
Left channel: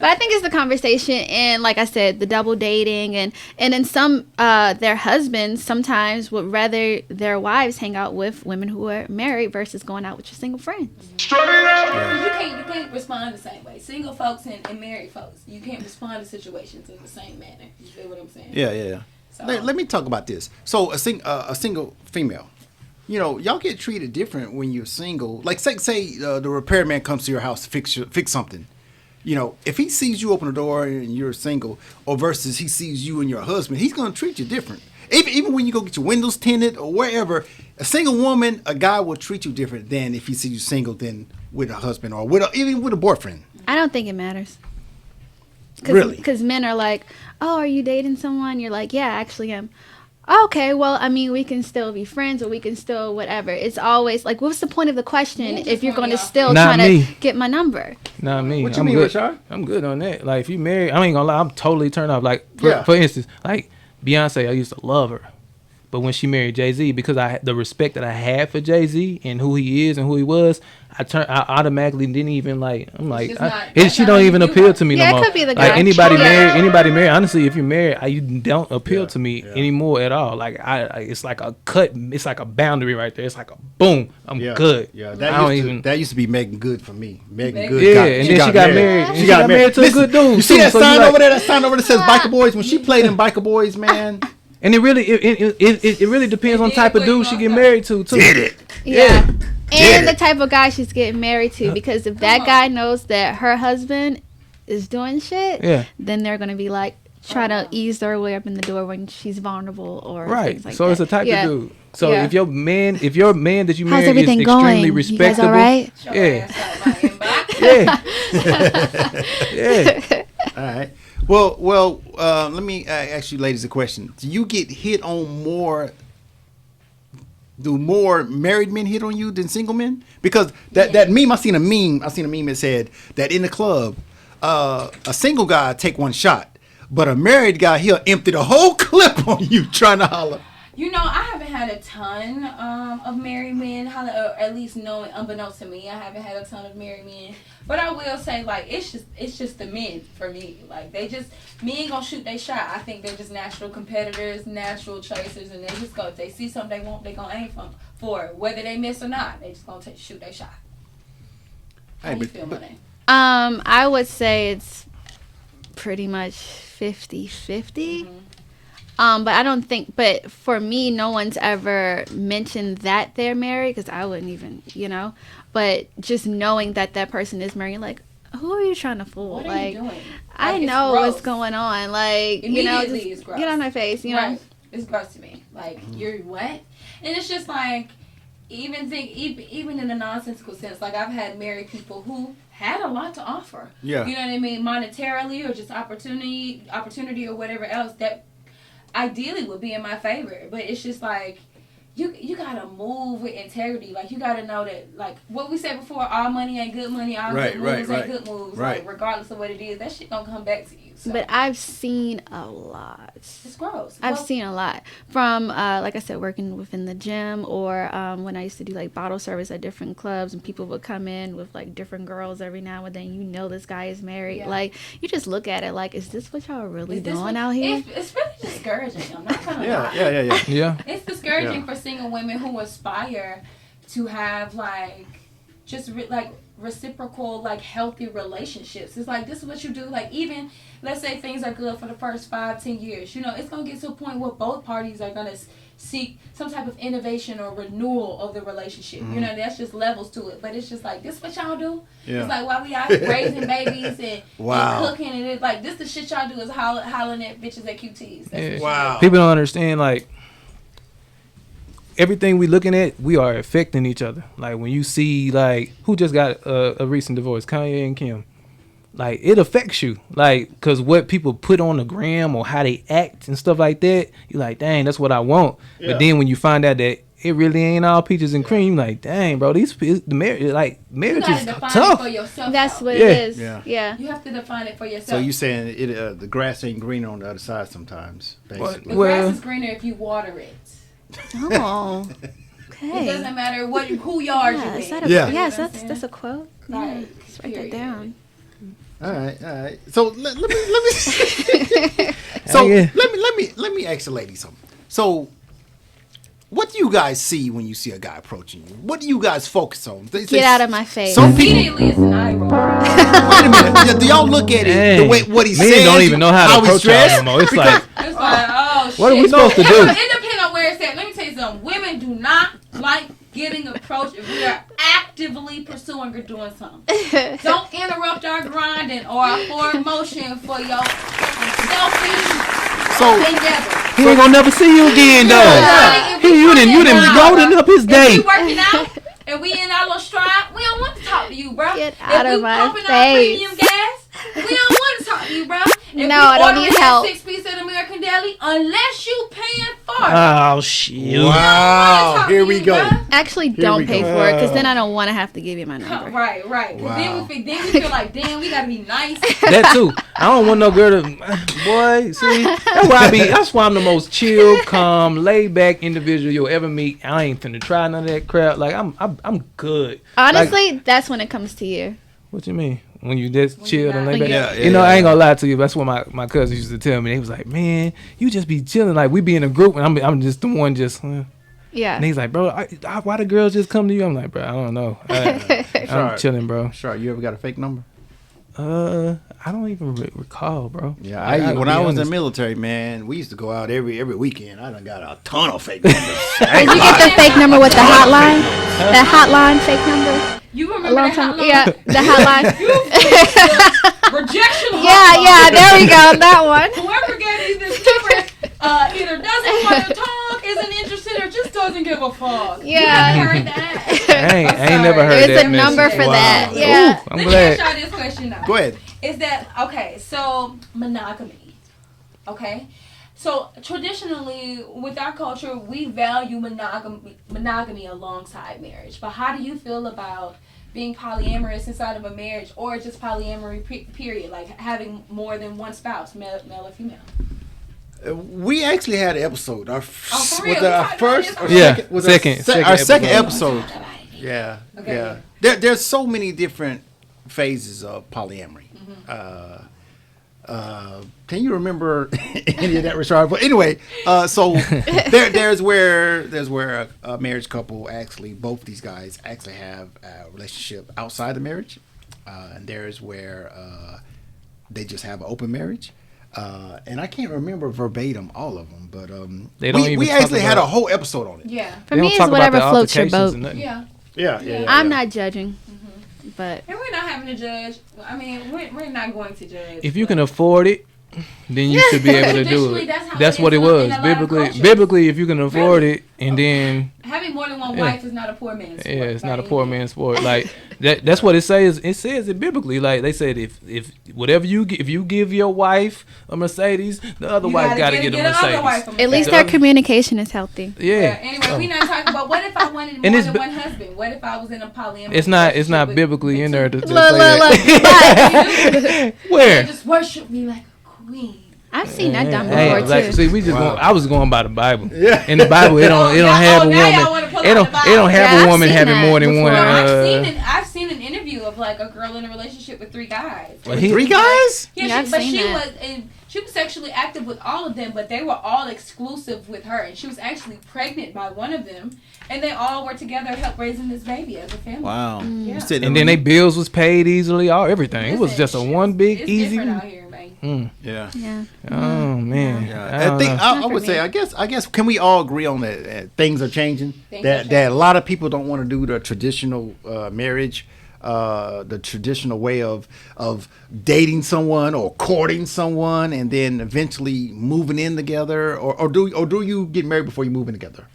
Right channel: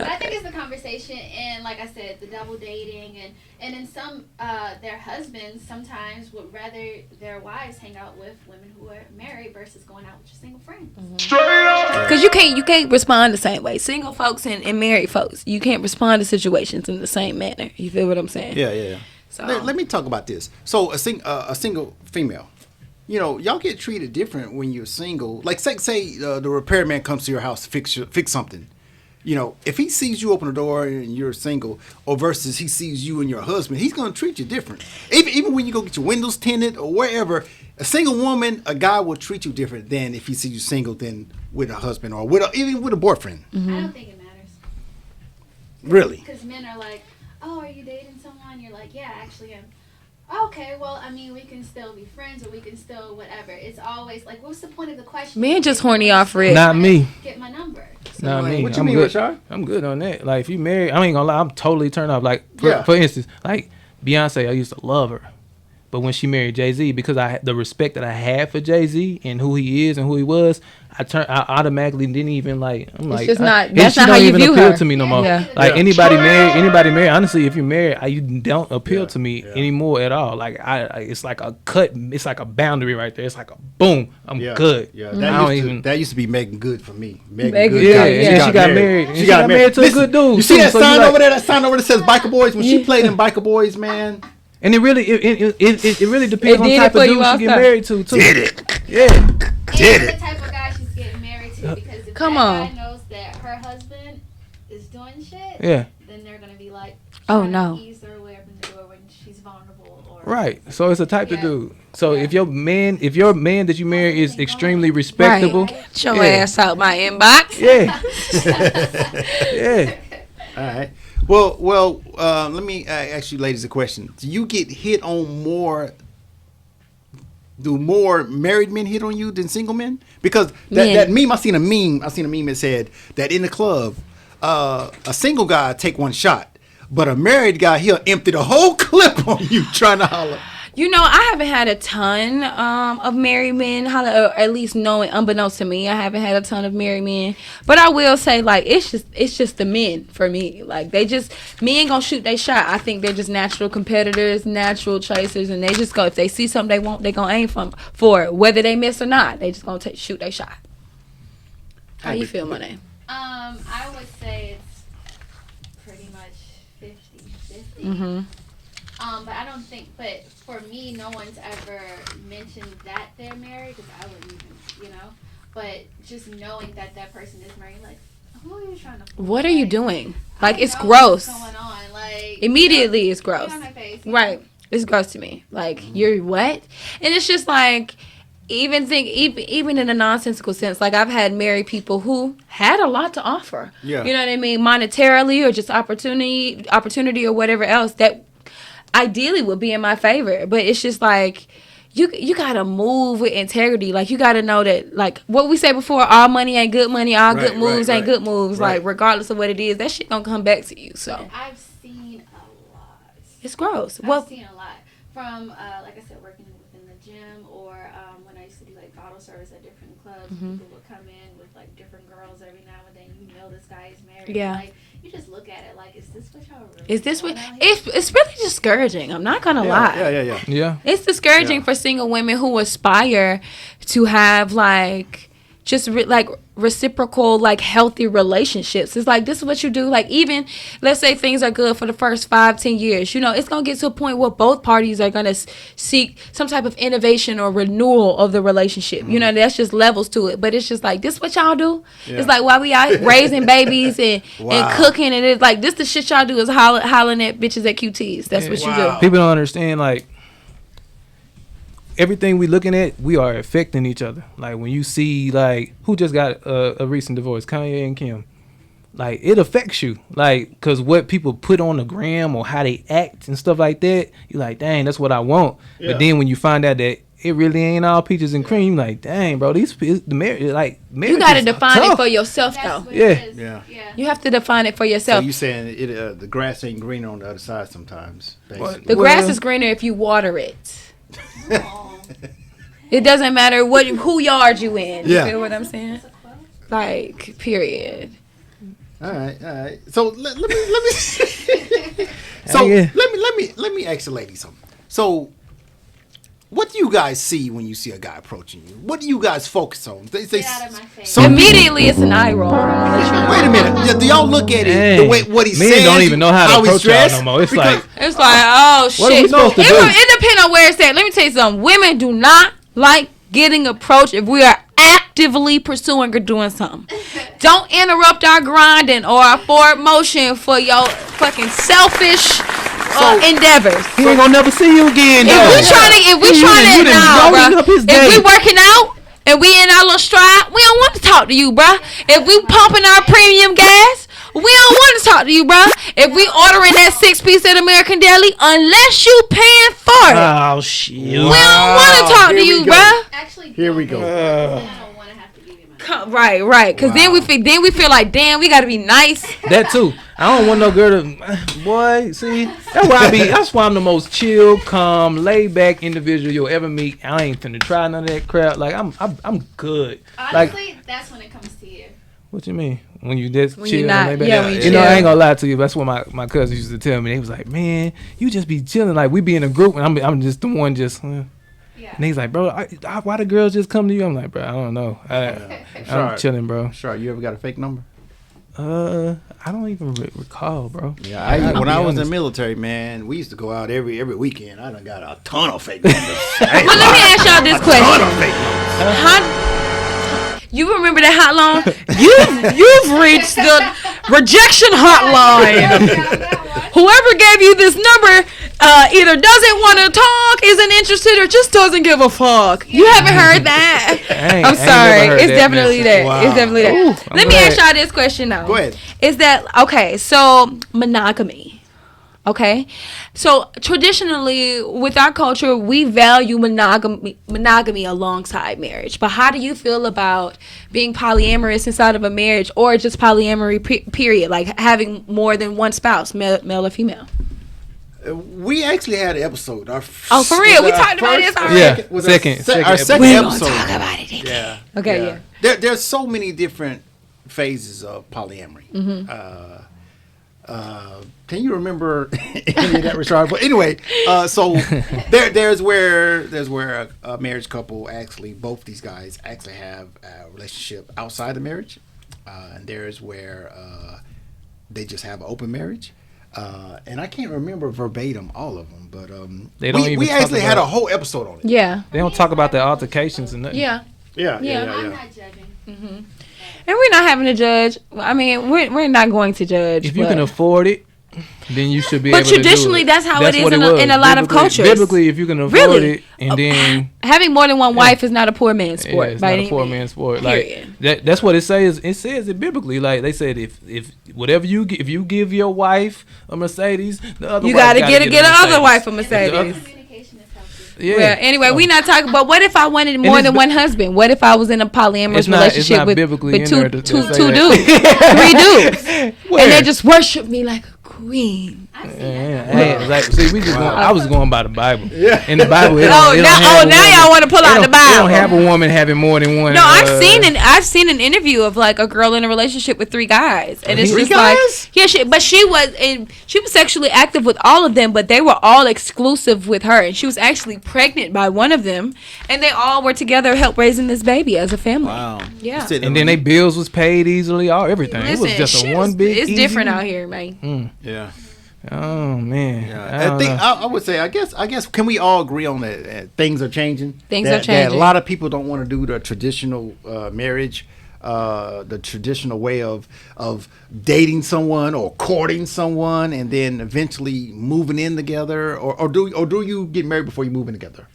But I think it's the conversation, and like I said, the double dating, and then some their husbands sometimes would rather their wives hang out with women who are married versus going out with your single friends. Because you can't respond the same way. Single folks and married folks, you can't respond to situations in the same manner. You feel what I'm saying? Yeah. So Let me talk about this. So a single female, y'all get treated different when you're single. Like say the repairman comes to your house to fix something. If he sees you open the door and you're single, or versus he sees you and your husband, he's gonna treat you different. Even when you go get your windows tinted or wherever, a single woman, a guy will treat you different than if he sees you single than with a husband or even with a boyfriend. I don't think it matters. Really? Because men are like, oh, are you dating someone? You're like, yeah, I actually am. Okay, well, I mean, we can still be friends, or we can still whatever. It's always like, what's the point of the question? Men just if you're horny gonna off still friends. Not tryna me. Get my number. Not me. What you I'm mean, good. Rashard? I'm good on that. Like, if you married, I ain't gonna lie, I'm totally turned off. Like, Yeah. for instance, like Beyonce, I used to love her. But when she married Jay-Z, because the respect that I had for Jay-Z and who he is and who he was, I automatically didn't even like. I'm like, just not- and that's she not how don't you even view appeal her. to me no Yeah, it more. could be the Like girl. anybody married. Honestly, if you're married, you don't appeal to me anymore at all. Like it's like a cut. It's like a boundary right there. It's like a boom. I'm good. Yeah, that used to be Megan Good for me. Megan Good. Yeah, and then she got married. She got married to a good dude. You see too, that so sign you over there? That sign over there says Biker Boys. When she played in Biker Boys, man. And it really depends on the type of dude she get married to too. Did it? Yeah. And the type of guy she's getting married to, because if that on. guy knows that her husband is doing shit, then they're gonna be like trying to ease their way up in the door when she's vulnerable or Right. like So that. it's a type of dude. So Yeah. if your man that you marry is everything extremely going? respectable, Right. Get your ass out my inbox. yeah. All right. Well. Let me ask you, ladies, a question. Do you get hit on more? Do more married men hit on you than single men? Because that meme, I seen a meme that said that in the club, a single guy take one shot, but a married guy, he'll empty the whole clip on you trying to holler. You know, I haven't had a ton of married men holler, or at least knowing, unbeknownst to me, I haven't had a ton of married men. But I will say, like, it's just the men for me. Like, men gonna shoot their shot. I think they're just natural competitors, natural chasers, and they just go, if they see something they want, they gonna aim for it, whether they miss or not. They just gonna shoot their shot. How you feel, Monet? I would say it's pretty much 50-50. Mm-hmm. But I don't think, but for me, no one's ever mentioned that they're married, because I wouldn't even, but just knowing that person is married, like, who are you trying to fool? What are you doing? Like, It's know gross. What's going on? Like, Immediately it's gross. Get on my face. Right. It's gross to me. Like, you're what? And it's just like, even in a nonsensical sense, like, I've had married people who had a lot to offer. Yeah. You know what I mean? Monetarily, or just opportunity or whatever else that ideally would be in my favor. But it's just like, you gotta move with integrity. Like, you gotta know that, like what we said before, all money ain't good money, all good moves ain't good moves. Right. Like, regardless of what it is, that shit gonna come back to you. So But I've seen a lot. it's gross. I've seen a lot from, like I said, working within the gym, or when I used to do like bottle service at different clubs, and people would come in with like different girls every now and then. This guy is married. Yeah. Like, you just look at it like, is this what y'all really Is this doing what out here? it's really discouraging. I'm not gonna lie. Yeah. It's discouraging Yeah. for single women who aspire to have like just reciprocal, like, healthy relationships. It's like, this is what you do. Like, even let's say things are good for the first 5-10 years, it's gonna get to a point where both parties are gonna seek some type of innovation or renewal of the relationship. That's just levels to it. But it's just like, this is what y'all do. Yeah. It's like, while we out here raising babies and Wow. cooking, and it's like, this the shit y'all do is hollering at bitches at QTs. That's what you do. People don't understand, like, everything we looking at, we are affecting each other. Like, when you see, like, who just got a recent divorce, Kanye and Kim, like, it affects you. Like, because what people put on the gram or how they act and stuff like that, you're like, dang, that's what I want. Yeah. But then when you find out that it really ain't all peaches and cream, you're like, dang, bro, marriage You gotta is define tough. it for yourself. That's though. what Yeah. it is. Yeah. You have to define it for So yourself. you saying the grass ain't greener on the other side sometimes? Basically. The grass is greener if you water it. Oh. It doesn't matter who yard you in. Yeah. You know what Yes, I'm saying? that's a quote. Like, period. All right. So let me. Yeah. let me ask the ladies something. So, what do you guys see when you see a guy approaching you? What do you guys focus on? Get out of my face. Some people, Immediately, it's an eye roll. wait a minute. Do y'all look at it Dang. the way what he Men says? don't even know how to he's approach y'all dressed? no more. It's Because- like, It's like, oh, shit. what are we supposed to do? It depends on where it's at. Let me tell you something. Women do not like getting approached if we are actively pursuing or doing something. Don't interrupt our grinding or our forward motion for your fucking selfish endeavors. he ain't gonna never see you again, though. If we You trying done to loaded up his day. If we working out and we in our little stride, we don't want to talk to you, bro. Get If out we of my pumping our face. premium gas, We don't want to talk to you, bro. If No, we that ordering doesn't that help. 6-piece at American Deli, unless you paying for it, Oh shit. we don't want to talk Here to we you, go. bro. Actually, Here we don't pay go. for it, because then I don't want to have to give you my number. Right. Because then we feel like, damn, we got to be nice. That too. I don't want no girl to. Boy, see, that's why I be. That's why I'm the most chill, calm, laid back individual you'll ever meet. I ain't finna try none of that crap. Like I'm good. Honestly, Like, that's when it comes to you. what you mean? When you just When chill you're and not- lay back? yeah, You know, I ain't gonna lie to you. That's what my cousin used to tell me. They was like, man, you just be chilling. Like we be in a group and I'm just the one just. Yeah. And he's like, bro, why the girls just come to you? I'm like, bro, I don't know. I'm Sorry. chilling, bro. Sure, you ever got a fake number? I don't even recall, bro. Yeah, when be I was in the honest. military, man, we used to go out every weekend. I done got a ton of fake numbers. I ain't Let me lying. ask y'all Number with this the question. hotline? The hotline fake number? You remember the hotline? Yeah, the hotline. You've reached the rejection Yeah, hotline. there we go. That one. Whoever gave you this number either doesn't want to talk, isn't interested, or just doesn't give a fuck. You Yeah. haven't heard that. I ain't I'm never sorry. heard It's that definitely message. there. Wow. It's definitely Yeah. there. I'm Let me glad. ask y'all this question though. Go ahead. Is that okay? So monogamy. Okay. So traditionally, with our culture, we value monogamy alongside marriage. But how do you feel about being polyamorous inside of a marriage, or just polyamory period, like having more than one spouse, male or female? We actually had an episode. Oh, for real? We talked about this already? Yeah, second episode. episode. Talk about it. Yeah. Okay, Yeah. There's so many different phases of polyamory. Mm-hmm. Can you remember any of that, Richard? But anyway, so there's where a marriage couple actually, both these guys actually have a relationship outside the marriage, and there's where they just have an open marriage. And I can't remember verbatim all of them, but They don't even we talk actually had a about- whole episode on it. Yeah. For They me, don't it's talk about the whatever floats your altercations boat. and nothing. Yeah. Yeah. I'm not judging, but And we're not having to judge. I mean, we're not going to judge. If you but- can afford it, then you should be but able to do it. traditionally, that's how it is what in it a- was. in a lot of Biblically- cultures. Biblically, if you can afford Really? it, and then having more than one wife is not a poor man's sport. yeah, it's by not a any poor means. man's sport. Like that's what it says. It says it biblically. Like they said, if whatever if you give your wife a Mercedes, the other You wife gotta gotta get a another Mercedes. wife a at Mercedes. least So their other- communication is healthy. Yeah. Well, anyway, we not talking. But what if I wanted more it's than bi- one husband? What if I was in a polyamorous It's not relationship with, biblically with in two, there to two, say two that. dudes? We do. Where? And they just worship me like a queen. I've seen that done Hey, before, like, too. see, we just going, I was going by the Bible. Yeah. In the Bible, it don't have a now woman. y'all wanna pull it out don't, the Bible. It don't have Yeah, a I've woman seen having that more than one. No, I've seen an interview of like a girl in a relationship with 3 guys, and it's Three just like- guys? yeah, Yeah, I've but seen that. she was sexually active with all of them, but they were all exclusive with her, and she was actually pregnant by one of them, and they all were together, help raising this baby as a family. Wow. Yeah. You sitting And then on- they bills was paid easily, all everything. It was Listen, just a shit one is- big It's easy. different out here, man. Yeah. Oh man. Yeah. I think I would say I guess can we all agree on that things are changing? Things that, are That a changing. lot of people don't want to do the traditional marriage, the traditional way of dating someone or courting someone and then eventually moving in together, or do you get married before you move in together?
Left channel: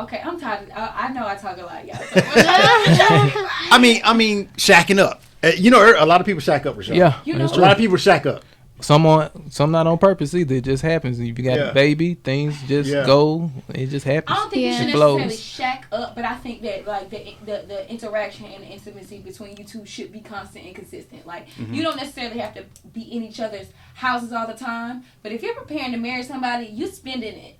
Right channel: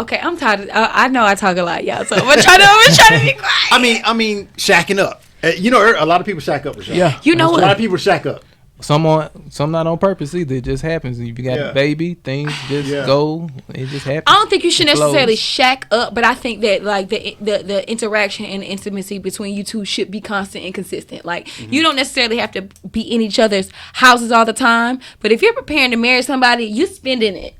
Okay, I'm tired. I know I talk a lot, y'all. So I'm trying to be quiet. I mean, shacking up. You know, a lot of people shack up, Rashad. Yeah. You know that's A what? lot of people shack up. Some not on purpose either. It just happens. If you got Yeah. a baby, things just Yeah. go. It just happens. I don't think you should It flows. necessarily shack up, but I think that like the interaction and intimacy between you two should be constant and consistent. Like you don't necessarily have to be in each other's houses all the time, but if you're preparing to marry somebody, you spending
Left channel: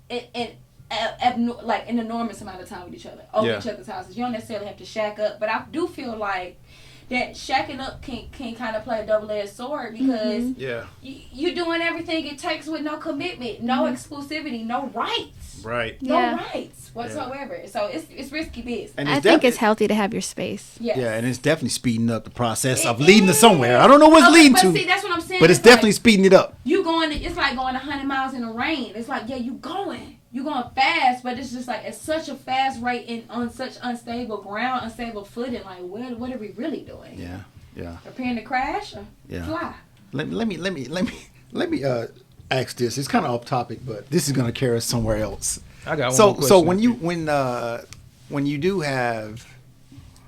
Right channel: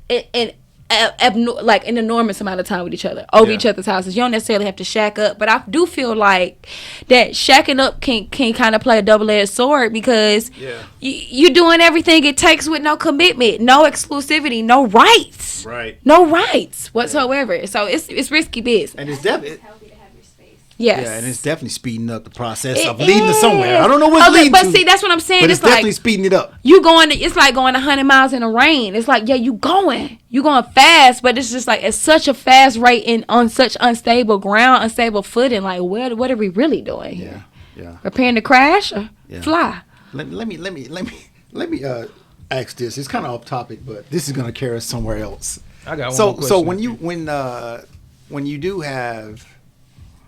like an enormous amount of time with each other over Yeah. each other's houses. You don't necessarily have to shack up, but I do feel like that shacking up can kind of play a double-edged sword because Yeah. you doing everything it takes with no commitment, no exclusivity, no rights. Right. No Yeah. rights whatsoever. So it's risky biz. And I it's think definitely it's healthy to have your space. Yes. Yeah, and it's definitely speeding up the process It of leading to is. somewhere. I don't know what's Okay, leading but to. see, that's what I'm saying. But it's It's like- definitely speeding it up. You going to, it's like going 100 miles in the rain. It's like, yeah, you going fast, but it's just like it's such a fast rate and on such unstable ground, unstable footing. Like, what are we really doing? Yeah. Preparing to crash or Yeah. fly? Let me ask this. It's kind of off topic, but this is going to carry us somewhere else. I got one more So question. when you do have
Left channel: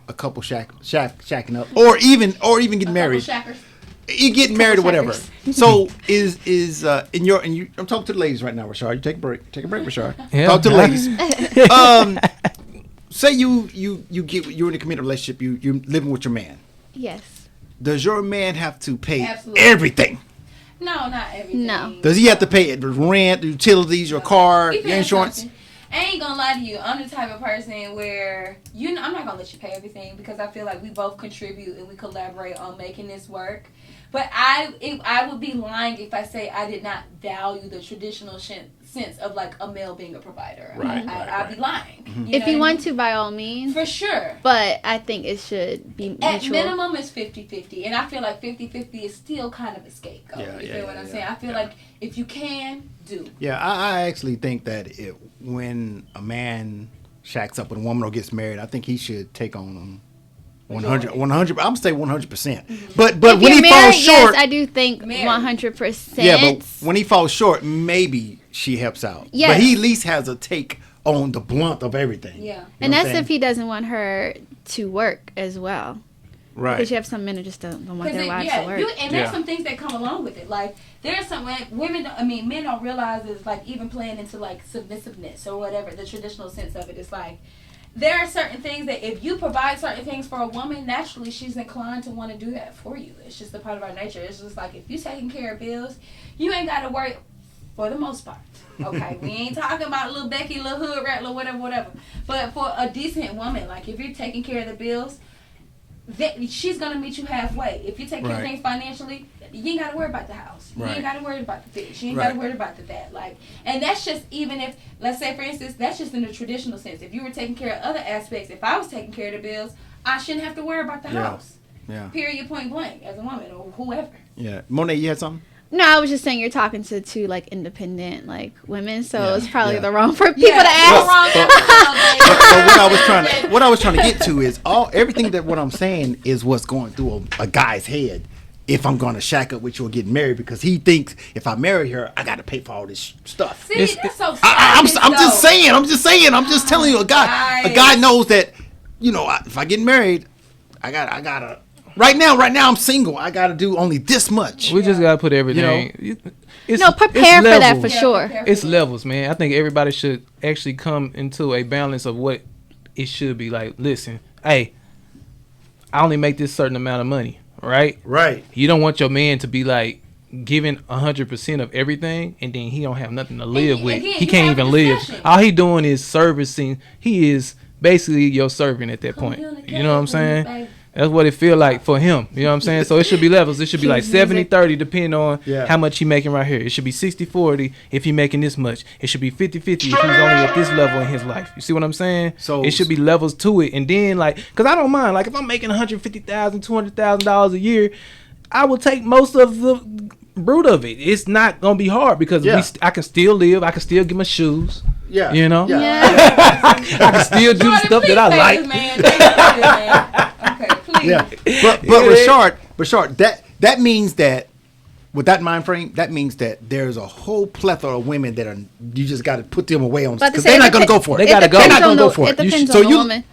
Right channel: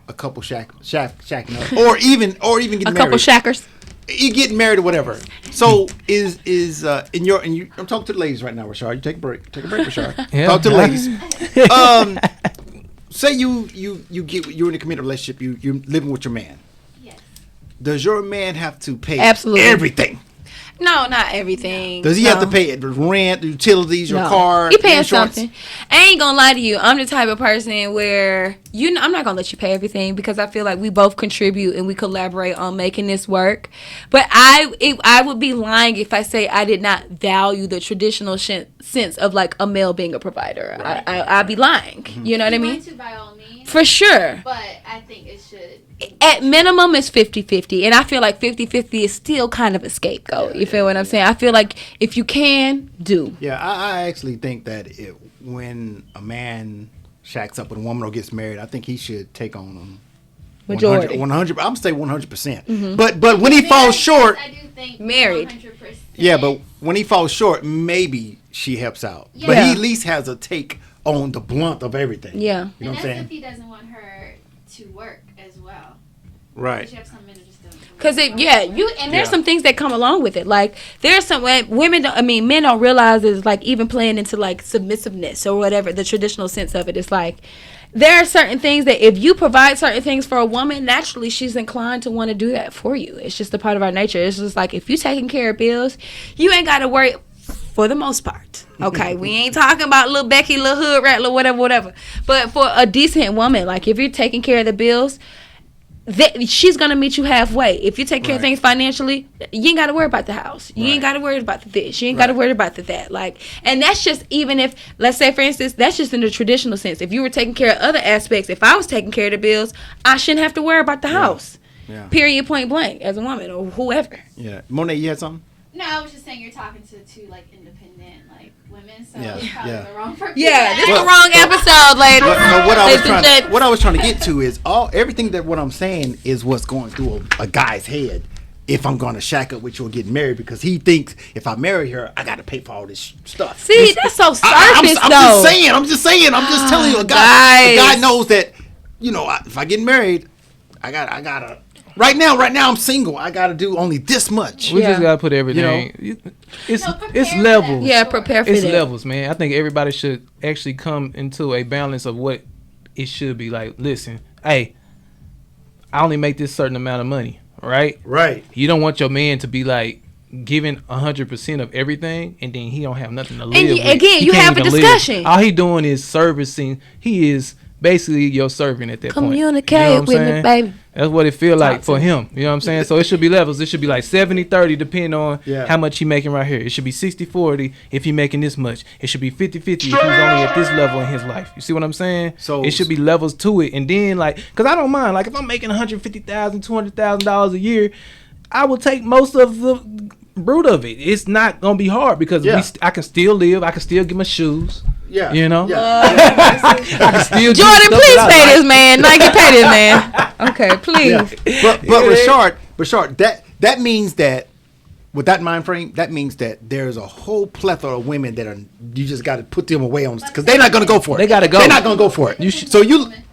a couple shacking up, or even getting A married. couple shackers. You getting married or whatever. So is I'm talking to the ladies right now, Rashard. You take a break, Rashard. Yeah. Talk to the ladies. Say you're in a committed relationship. You're living with your man. Yes. Does your man have to pay Absolutely. everything? No, not everything. Does he have to pay the rent, the utilities, your car, He paying insurance? something. I ain't gonna lie to you. I'm the type of person where I'm not gonna let you pay everything because I feel like we both contribute and we collaborate on making this work. But I would be lying if I say I did not value the traditional sense of like a male being a provider. I'd be lying. You know what I mean? If you want to, by all means. For sure. But I think it should be At mutual. minimum, it's 50-50. And I feel like 50-50 is still kind of a scapegoat. You feel what I'm saying? I feel like if you can, do. Yeah, I actually think that when a man shacks up with a woman or gets married, I think he should take on 100. I'm gonna say 100%. But when he falls short, yes, I do think Married. 100%. yeah. But when he falls short, maybe she helps out. Yeah. But he at least has a take on the blunt of everything. Yeah. You know And what I'm that's saying? if he doesn't want her to work as well. Right. Because you have some men who just don't want Because their wives to work. there's Yeah. some things that come along with it. Like there's some men don't realize is like even playing into like submissiveness or whatever the traditional sense of it. It's like there are certain things that if you provide certain things for a woman, naturally she's inclined to want to do that for you. It's just a part of our nature. It's just like if you taking care of bills, you ain't got to worry. For the most part, okay, we ain't talking about little Becky, little hood rat, little whatever. But for a decent woman, like if you're taking care of the bills, she's gonna meet you halfway. If you take care of Right. things financially, you ain't gotta worry about the house. You Right. ain't gotta worry about the this. You ain't gotta Right. worry about the that. Like, and that's just even if, let's say for instance, that's just in the traditional sense. If you were taking care of other aspects, if I was taking care of the bills, I shouldn't have to worry about the house. Yeah. Period. Point blank. As a woman or whoever. Yeah. Monet, you had something? No, I was just saying you're talking to two like independent like women, so Yeah, it's probably yeah. the wrong for people Yeah, to that's ask. the wrong episode, lady. But what I was trying to get to is everything that what I'm saying is what's going through a guy's head if I'm going to shack up with you or get married, because he thinks if I marry her, I got to pay for all this stuff. See, that's so selfish. I'm just though. saying. I'm just telling you. A guy knows that. You know, if I get married, I gotta. Right now, I'm single. I gotta do only this much. We just gotta put everything. It's, No, prepare it's for levels. that for Yeah, sure. prepare for It's that. levels, man. I think everybody should actually come into a balance of what it should be. Like, listen, hey, I only make this certain amount of money, right? Right. You don't want your man to be like giving 100% of everything, and then he don't have nothing to live with. again, He you can't have a even live. discussion. All he doing is servicing. He is basically your servant at that point. You know Communicate what I'm with me, saying? baby. That's what it feel like for him. You know what I'm saying? So it should be levels. It should be like 70-30 depending on how much he making right here. It should be 60-40 if he making this much. It should be 50-50 if he's only at this level in his life. You see what I'm saying? So it should be levels to it. And then like, because I don't mind. Like if I'm making $150,000, $200,000 a year, I will take most of the brute of it. It's not going to be hard because I can still live. I can still get my shoes. Yeah. You know? Yeah. I can still do Jordan, stuff please that I pay like. this man. Like, you pay this man. Okay, please. Yeah. But Rashard, that means that with that mind frame, that means that there's a whole plethora of women that you just got to put them away on because they're not going to go for it. They gotta go. They're not going to go for it. It depends So on the woman.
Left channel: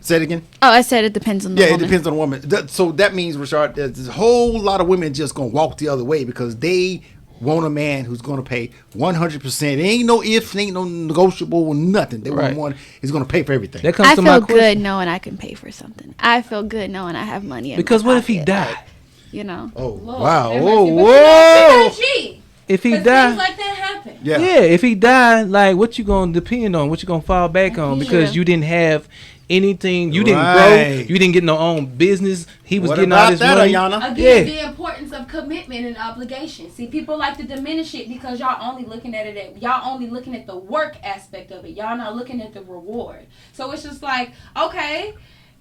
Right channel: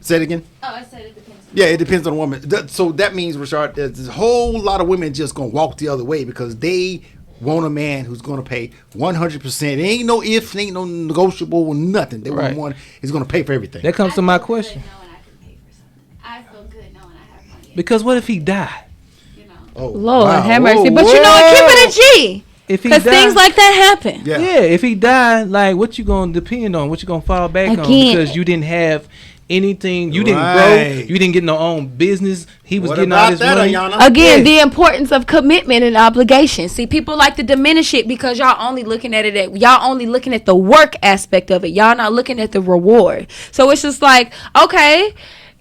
Say it again. Oh, I said it depends on the Yeah, woman. it depends on the woman. So that means, Rashard, there's a whole lot of women just going to walk the other way because they want a man who's going to pay 100%. Ain't no ifs, ain't no negotiable, nothing. They want one who's going to pay for everything. That comes I to my feel question. good knowing I can pay for something. I feel good knowing I have money. In Because my what if he pocket, died? You know. Oh, Lord, wow. have Whoa, mercy. But whoa. you know what? Keep it a G. If he Because died, things like that happen. Yeah. if he died, like what you gonna depend on? What you gonna fall back on? Again. Because you didn't have anything. You didn't grow. Right. You didn't get no own business. He was What getting all about this that, money. Ayana? Again, Yeah. the importance of commitment and obligation. See, people like to diminish it because y'all only looking at it. Y'all only looking at the work aspect of it. Y'all not looking at the reward. So it's just like, okay,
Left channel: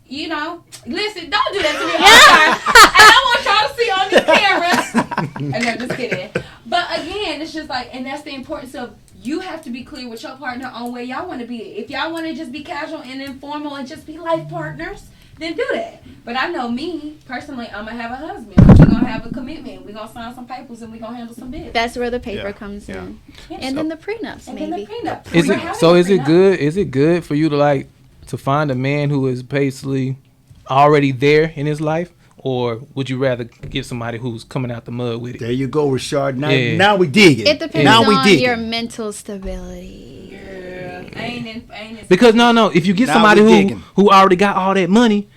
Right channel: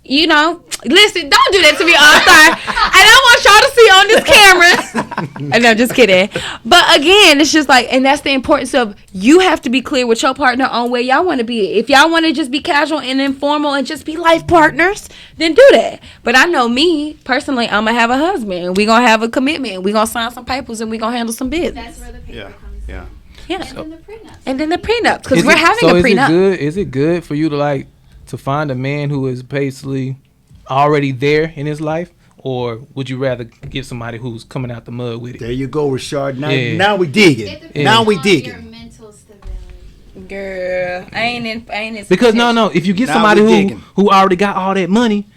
you know, listen, don't do that to me all the time. I don't want y'all to see on this camera. And I'm just kidding. But again, it's just like, and that's the importance of you have to be clear with your partner on where y'all want to be. If y'all want to just be casual and informal and just be life partners, then do that. But I know me, personally, I'm going to have a husband. We're going to have a commitment. We're going to sign some papers and we're going to handle some business. That's where the paper comes in. Yeah. And then the prenups. And then the maybe. prenup. Because we're having a is prenup. it good for you to like to find a man who is basically already there in his life, or would you rather get somebody who's coming out the mud with it? There you go, Rashard. Yeah. Now we digging. It depends Now we on digging. your mental stability. Girl, I ain't in Because no, if you get Now somebody we who digging. already got all that money,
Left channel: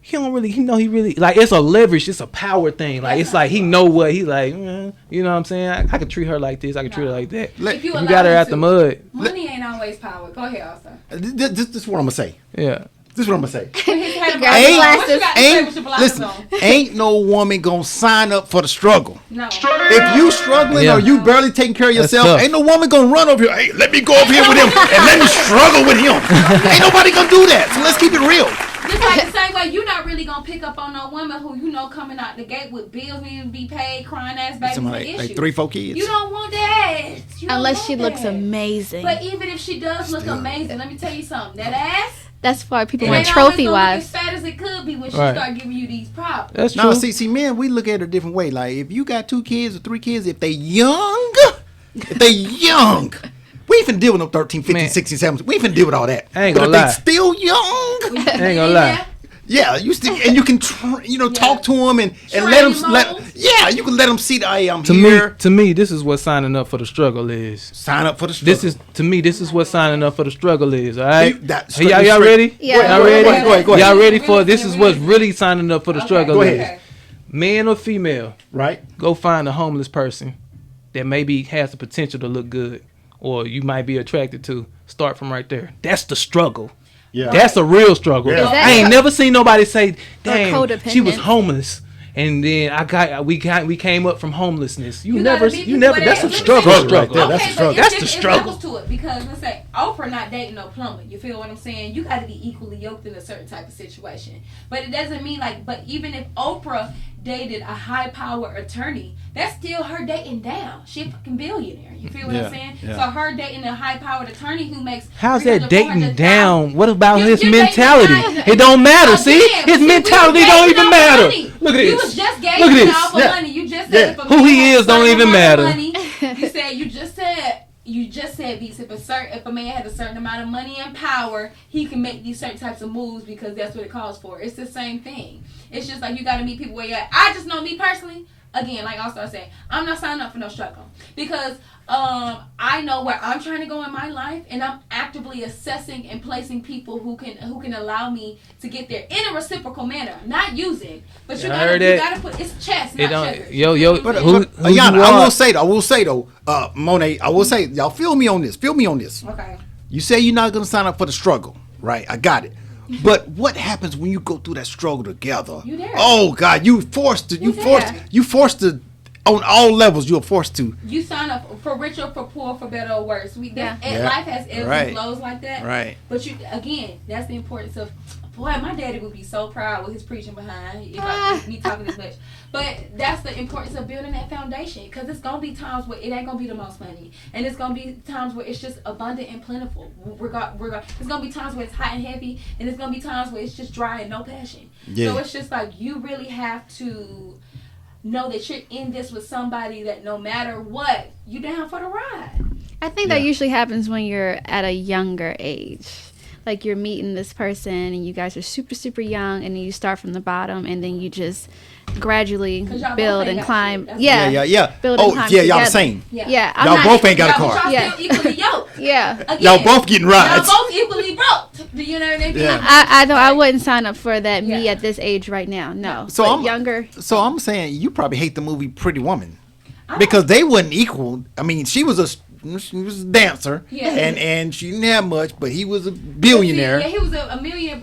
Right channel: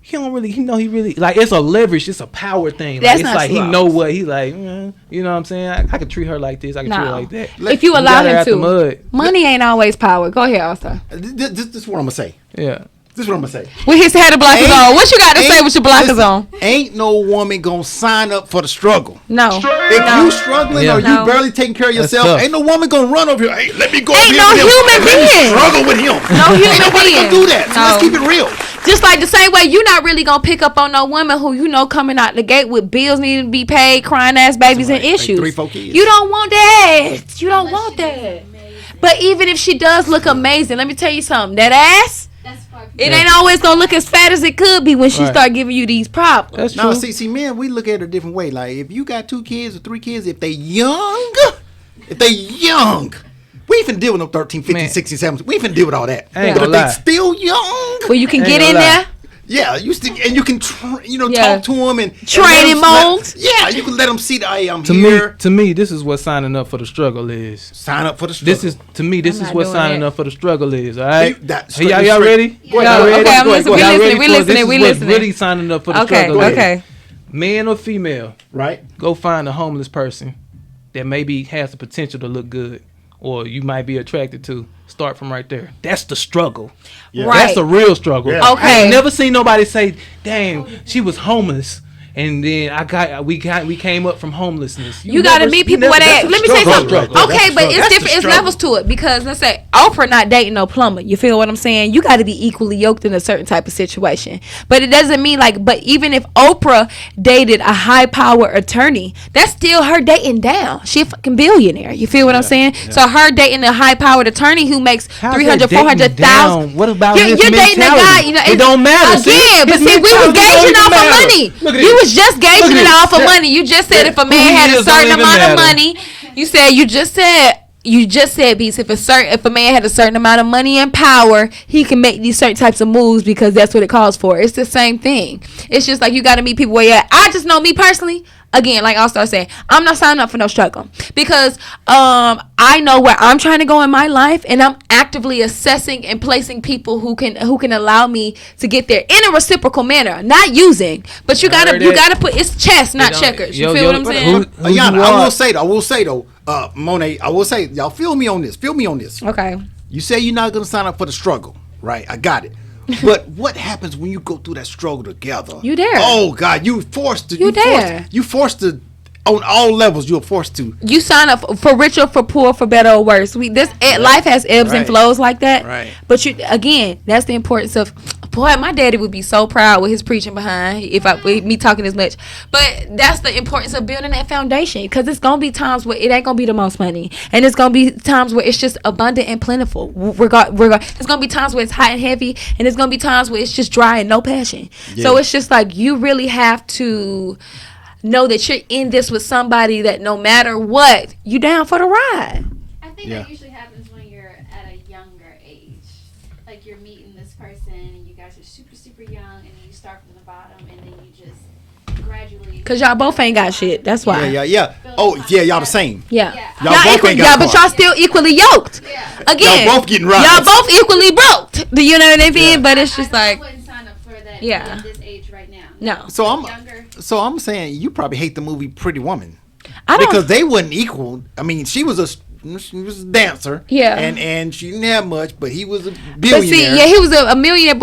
he really like, it's a leverage, it's a power thing. That's Like, it's not like he slow. know what he like. You know what I'm saying? I could treat her like this. I can treat her No. like that. If you You allow got her him out to, the mud. money ain't always power. Go ahead, All-Star. This is what I'm gonna say. Yeah. This is what I'm gonna say. With his head of blockers on. What you got to say with your blockers listen, on? Ain't no woman gonna sign up for the struggle. No. If you struggling Yeah. or you No. barely taking care of That's yourself, tough. ain't no woman gonna run over here. Hey, let me go over Ain't here no with him human and let me being. struggle with him. human Ain't nobody being. gonna do that. So let's No. keep it real. Just like the same way you're not really gonna pick up on no woman who coming out the gate with bills needing to be paid, crying ass babies and Like issues. 3-4 kids. You don't want that. You don't Unless want she that. looks amazing. But even if she does look amazing, let me tell you something. That ass, that's why people it want ain't always gonna look trophy as fat as it could be when she Right. start giving you these problems. That's No, true. see, men, we look at it a different way. Like, if you got 2 kids or 3 kids, if they young, we ain't finna deal with no 13, 15, Man. 16, 17. We ain't finna deal with all that. I ain't But gonna if lie. they still young, Well, you can Ain't get gonna in lie. there. yeah, you still, and you can, Yeah. talk to them and Train let 'em- him let- on. Yeah, you can let them see that, hey, I'm To here. me, this is what signing up for the struggle is. Sign up for the struggle. This is not what doing signing that. up for the struggle is. All right, That- Hey, y'all straight- ready? Yeah. Y'all Go ready? ahead, go ahead, go ahead. Y'all We ready listening, for this? Is we what's listening. really signing up for the Okay, struggle Go is. ahead. okay. Man or female, right? go find a homeless person that maybe has the potential to look good, or you might be attracted to. Start from right there. That's the struggle. Yeah. Right. That's the real struggle. Yeah. Okay. I ain't never seen nobody say, "Damn, she was codependent. homeless." And then we came up from homelessness. You gotta meet people where they at. Let me say Struggle. something. Right there. That's Okay, the but struggle. it's That's the different. It's struggle. levels to it because let's say Oprah not dating no plumber. You feel what I'm saying? You got to be equally yoked in a certain type of situation. But it doesn't mean like. But even if Oprah dated a high power attorney, that's still her dating down. She a fucking billionaire. You feel what I'm saying? So her dating a high powered attorney who makes How's 300, that dating 400,000. down? What about his You're dating a mentality? guy, you know, It don't matter. See, Again, but his see, we was mentality don't gauging even off of matter. money. Look at You this. was just Look at gauging it this. off of Yeah. money. You just said if a Who man he had a is don't certain even amount matter. of money, you just said, Beats, if a man had a certain amount of money and power, he can make these certain types of moves because that's what it calls for. It's the same thing. It's just like you got to meet people where you're at. I just know me personally. Again, like I'll start saying, I'm not signing up for no struggle because I know where I'm trying to go in my life, and I'm actively assessing and placing people who can allow me to get there in a reciprocal manner, not using. But you I gotta heard you that. gotta put it's chess, not don't- checkers. yo, You feel yo, what I'm but saying? who- Ayana, you I are- will say though, Monet, I will say, y'all feel me on this. Okay. You say you're not gonna sign up for the struggle, right? I got it. But what happens when you go through that struggle together? You there. Oh God, you forced to. You there. You forced to. On all levels, you're forced to. You sign up for rich or for poor, for better or worse. Life has ebbs Right. and flows like that. Right. But again, that's the importance of. Boy, my daddy would be so proud with his preaching behind with me talking this much. But that's the importance of building that foundation, because it's gonna be times where it ain't gonna be the most money, and it's gonna be times where it's just abundant and plentiful. It's gonna be times where it's hot and heavy, and it's gonna be times where it's just dry and no passion. Yeah. So it's just like you really have to know that you're in this with somebody that no matter what, you down for the ride. I think Yeah. that usually happens when you're at a younger age. Like you're meeting this person and you guys are super, super young, and then you start from the bottom and then you just gradually. 'Cause y'all both build ain't and got climb. shit. That's yeah. why. Yeah. Building Oh, time yeah, y'all the together. same. Yeah. Yeah. Y'all Not both ain't got but cars. y'all still equally yoked. Yeah. Again, Y'all both getting rides. Y'all both equally broke. Do you know what I mean? Yeah. But it's I just know like, I wouldn't sign up for that Yeah. me at this age right now. No. No. So But I'm younger. So I'm saying you probably hate the movie Pretty Woman I don't- because they wasn't equal. I mean, she was a dancer. Yeah. And she didn't have much, but he was a But see, billionaire. yeah, he was a millionaire,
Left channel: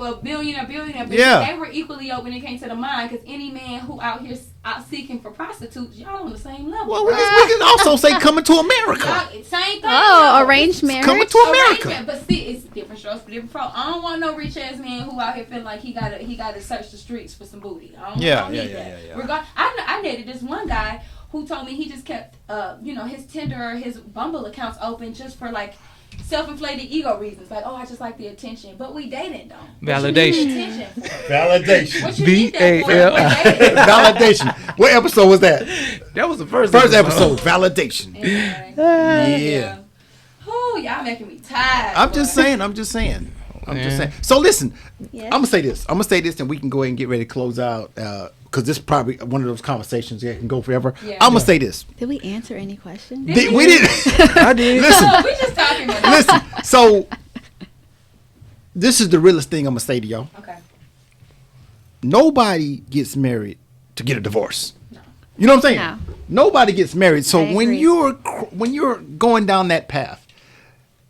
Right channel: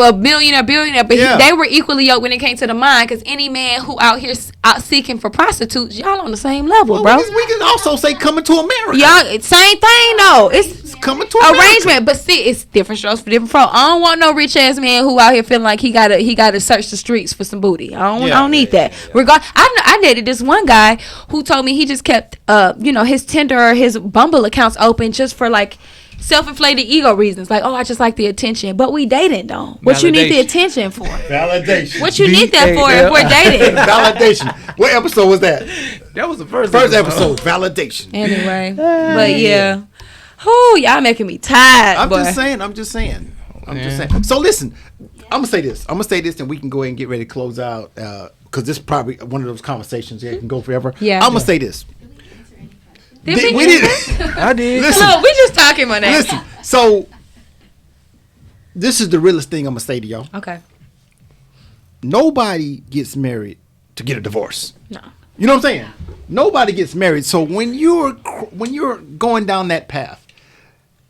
billionaire. But Yeah. they were equally yoked when it came to the mind. Because any man who out here out seeking for prostitutes, y'all on the same level, Well, bro. we can also say Coming to America. Y'all same thing Oh, though. arranged It's marriage. Coming to America. arrangement, but see, it's different strokes for different folks. I don't want no rich ass man who out here feeling like he gotta search the streets for some booty. I don't need that. I dated this one guy who told me he just kept his Tinder or his Bumble accounts open just for like self-inflated ego reasons. Like, oh, I just like the attention. But we dating though. What you need the Validation. attention for? Validation. What you need that for if VAL. we're dating? Validation. What episode was that? That was the first First episode. Validation. Anyway, but yeah. Oh, y'all making me tired. I'm boy. just saying. I'm just Yeah. saying. So listen, Yes. I'm gonna say this. and we can go ahead and get ready to close out because this is probably one of those conversations that can go forever. Yeah. I'm gonna say this. Did we answer any questions? Did we? We didn't. I did. Listen. No, we just talking about that. Listen. So this is the realest thing I'm gonna say to y'all. Okay. Nobody gets married to get a divorce. No. You know what I'm saying? No. Nobody gets married. So I when agree. you're going down that path,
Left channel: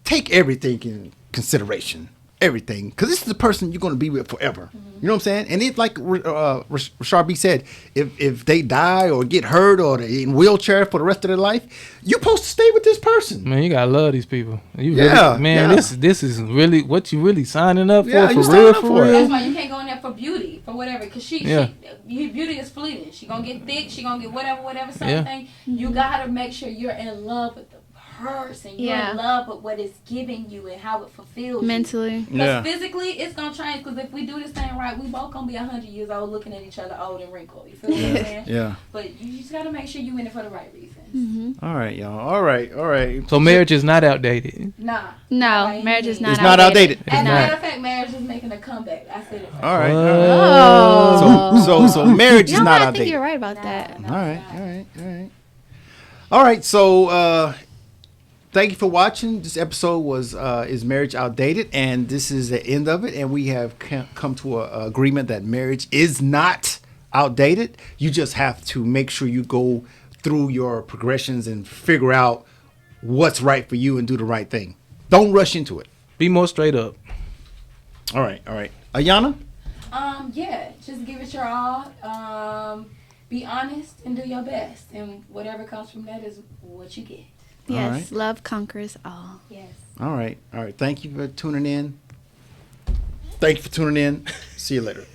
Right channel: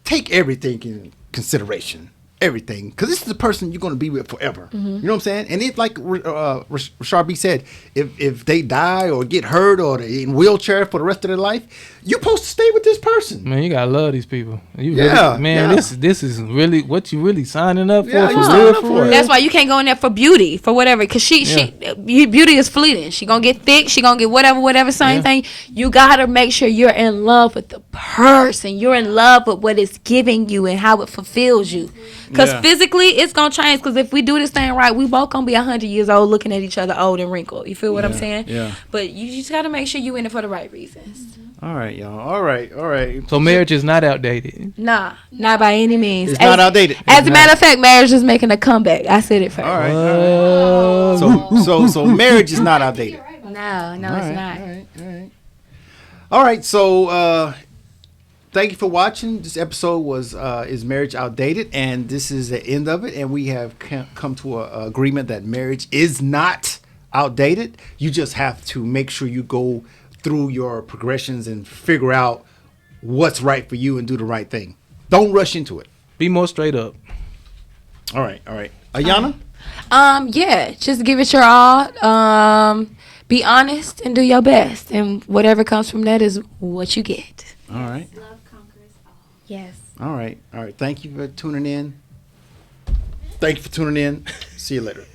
take everything in consideration. Everything, because this is the person you're going to be with forever. You know what I'm saying? And if, like Rashard B said, if they die or get hurt or they're in wheelchair for the rest of their life, you're supposed to stay with this person. Man, you gotta love these people. You Yeah, really, man, yeah. this is really what you really signing up for. Yeah, for you real, signing up for for it. real. That's why you can't go in there for beauty, for whatever. Because Yeah. beauty is fleeting. She gonna get thick. She gonna get whatever, same Yeah. thing. You gotta make sure you're in love with the person. You're Yeah. in love with what it's giving you and how it fulfills Mentally. you. Because Yeah. physically, it's gonna change. Because if we do this thing right, we both gonna be 100 years old, looking at each other old and wrinkled. You feel what I'm saying? Yeah. But you just gotta make sure you in it for the right reasons. All right, y'all. All right. So marriage is not outdated. Nah, No, not by any marriage is means. not It's not outdated. As a It's matter not. of fact, marriage is making a comeback. I said it first. All right. Oh. So marriage is No, not I outdated. think you're right about that. No, All it's right, not. all right, all right. All right, so thank you for watching. This episode was is marriage outdated, and this is the end of it. And we have come to a agreement that marriage is not outdated. You just have to make sure you go through your progressions and figure out what's right for you and do the right thing. Don't rush into it. Be more straight up. All right, all right. Ayana? Yeah, just give it your all. Be honest and do your best, and whatever comes from that is what you get. Yes, All right. love conquers all. Yes. All right, all right. Thank you for tuning in. Thank you for tuning in. See you later.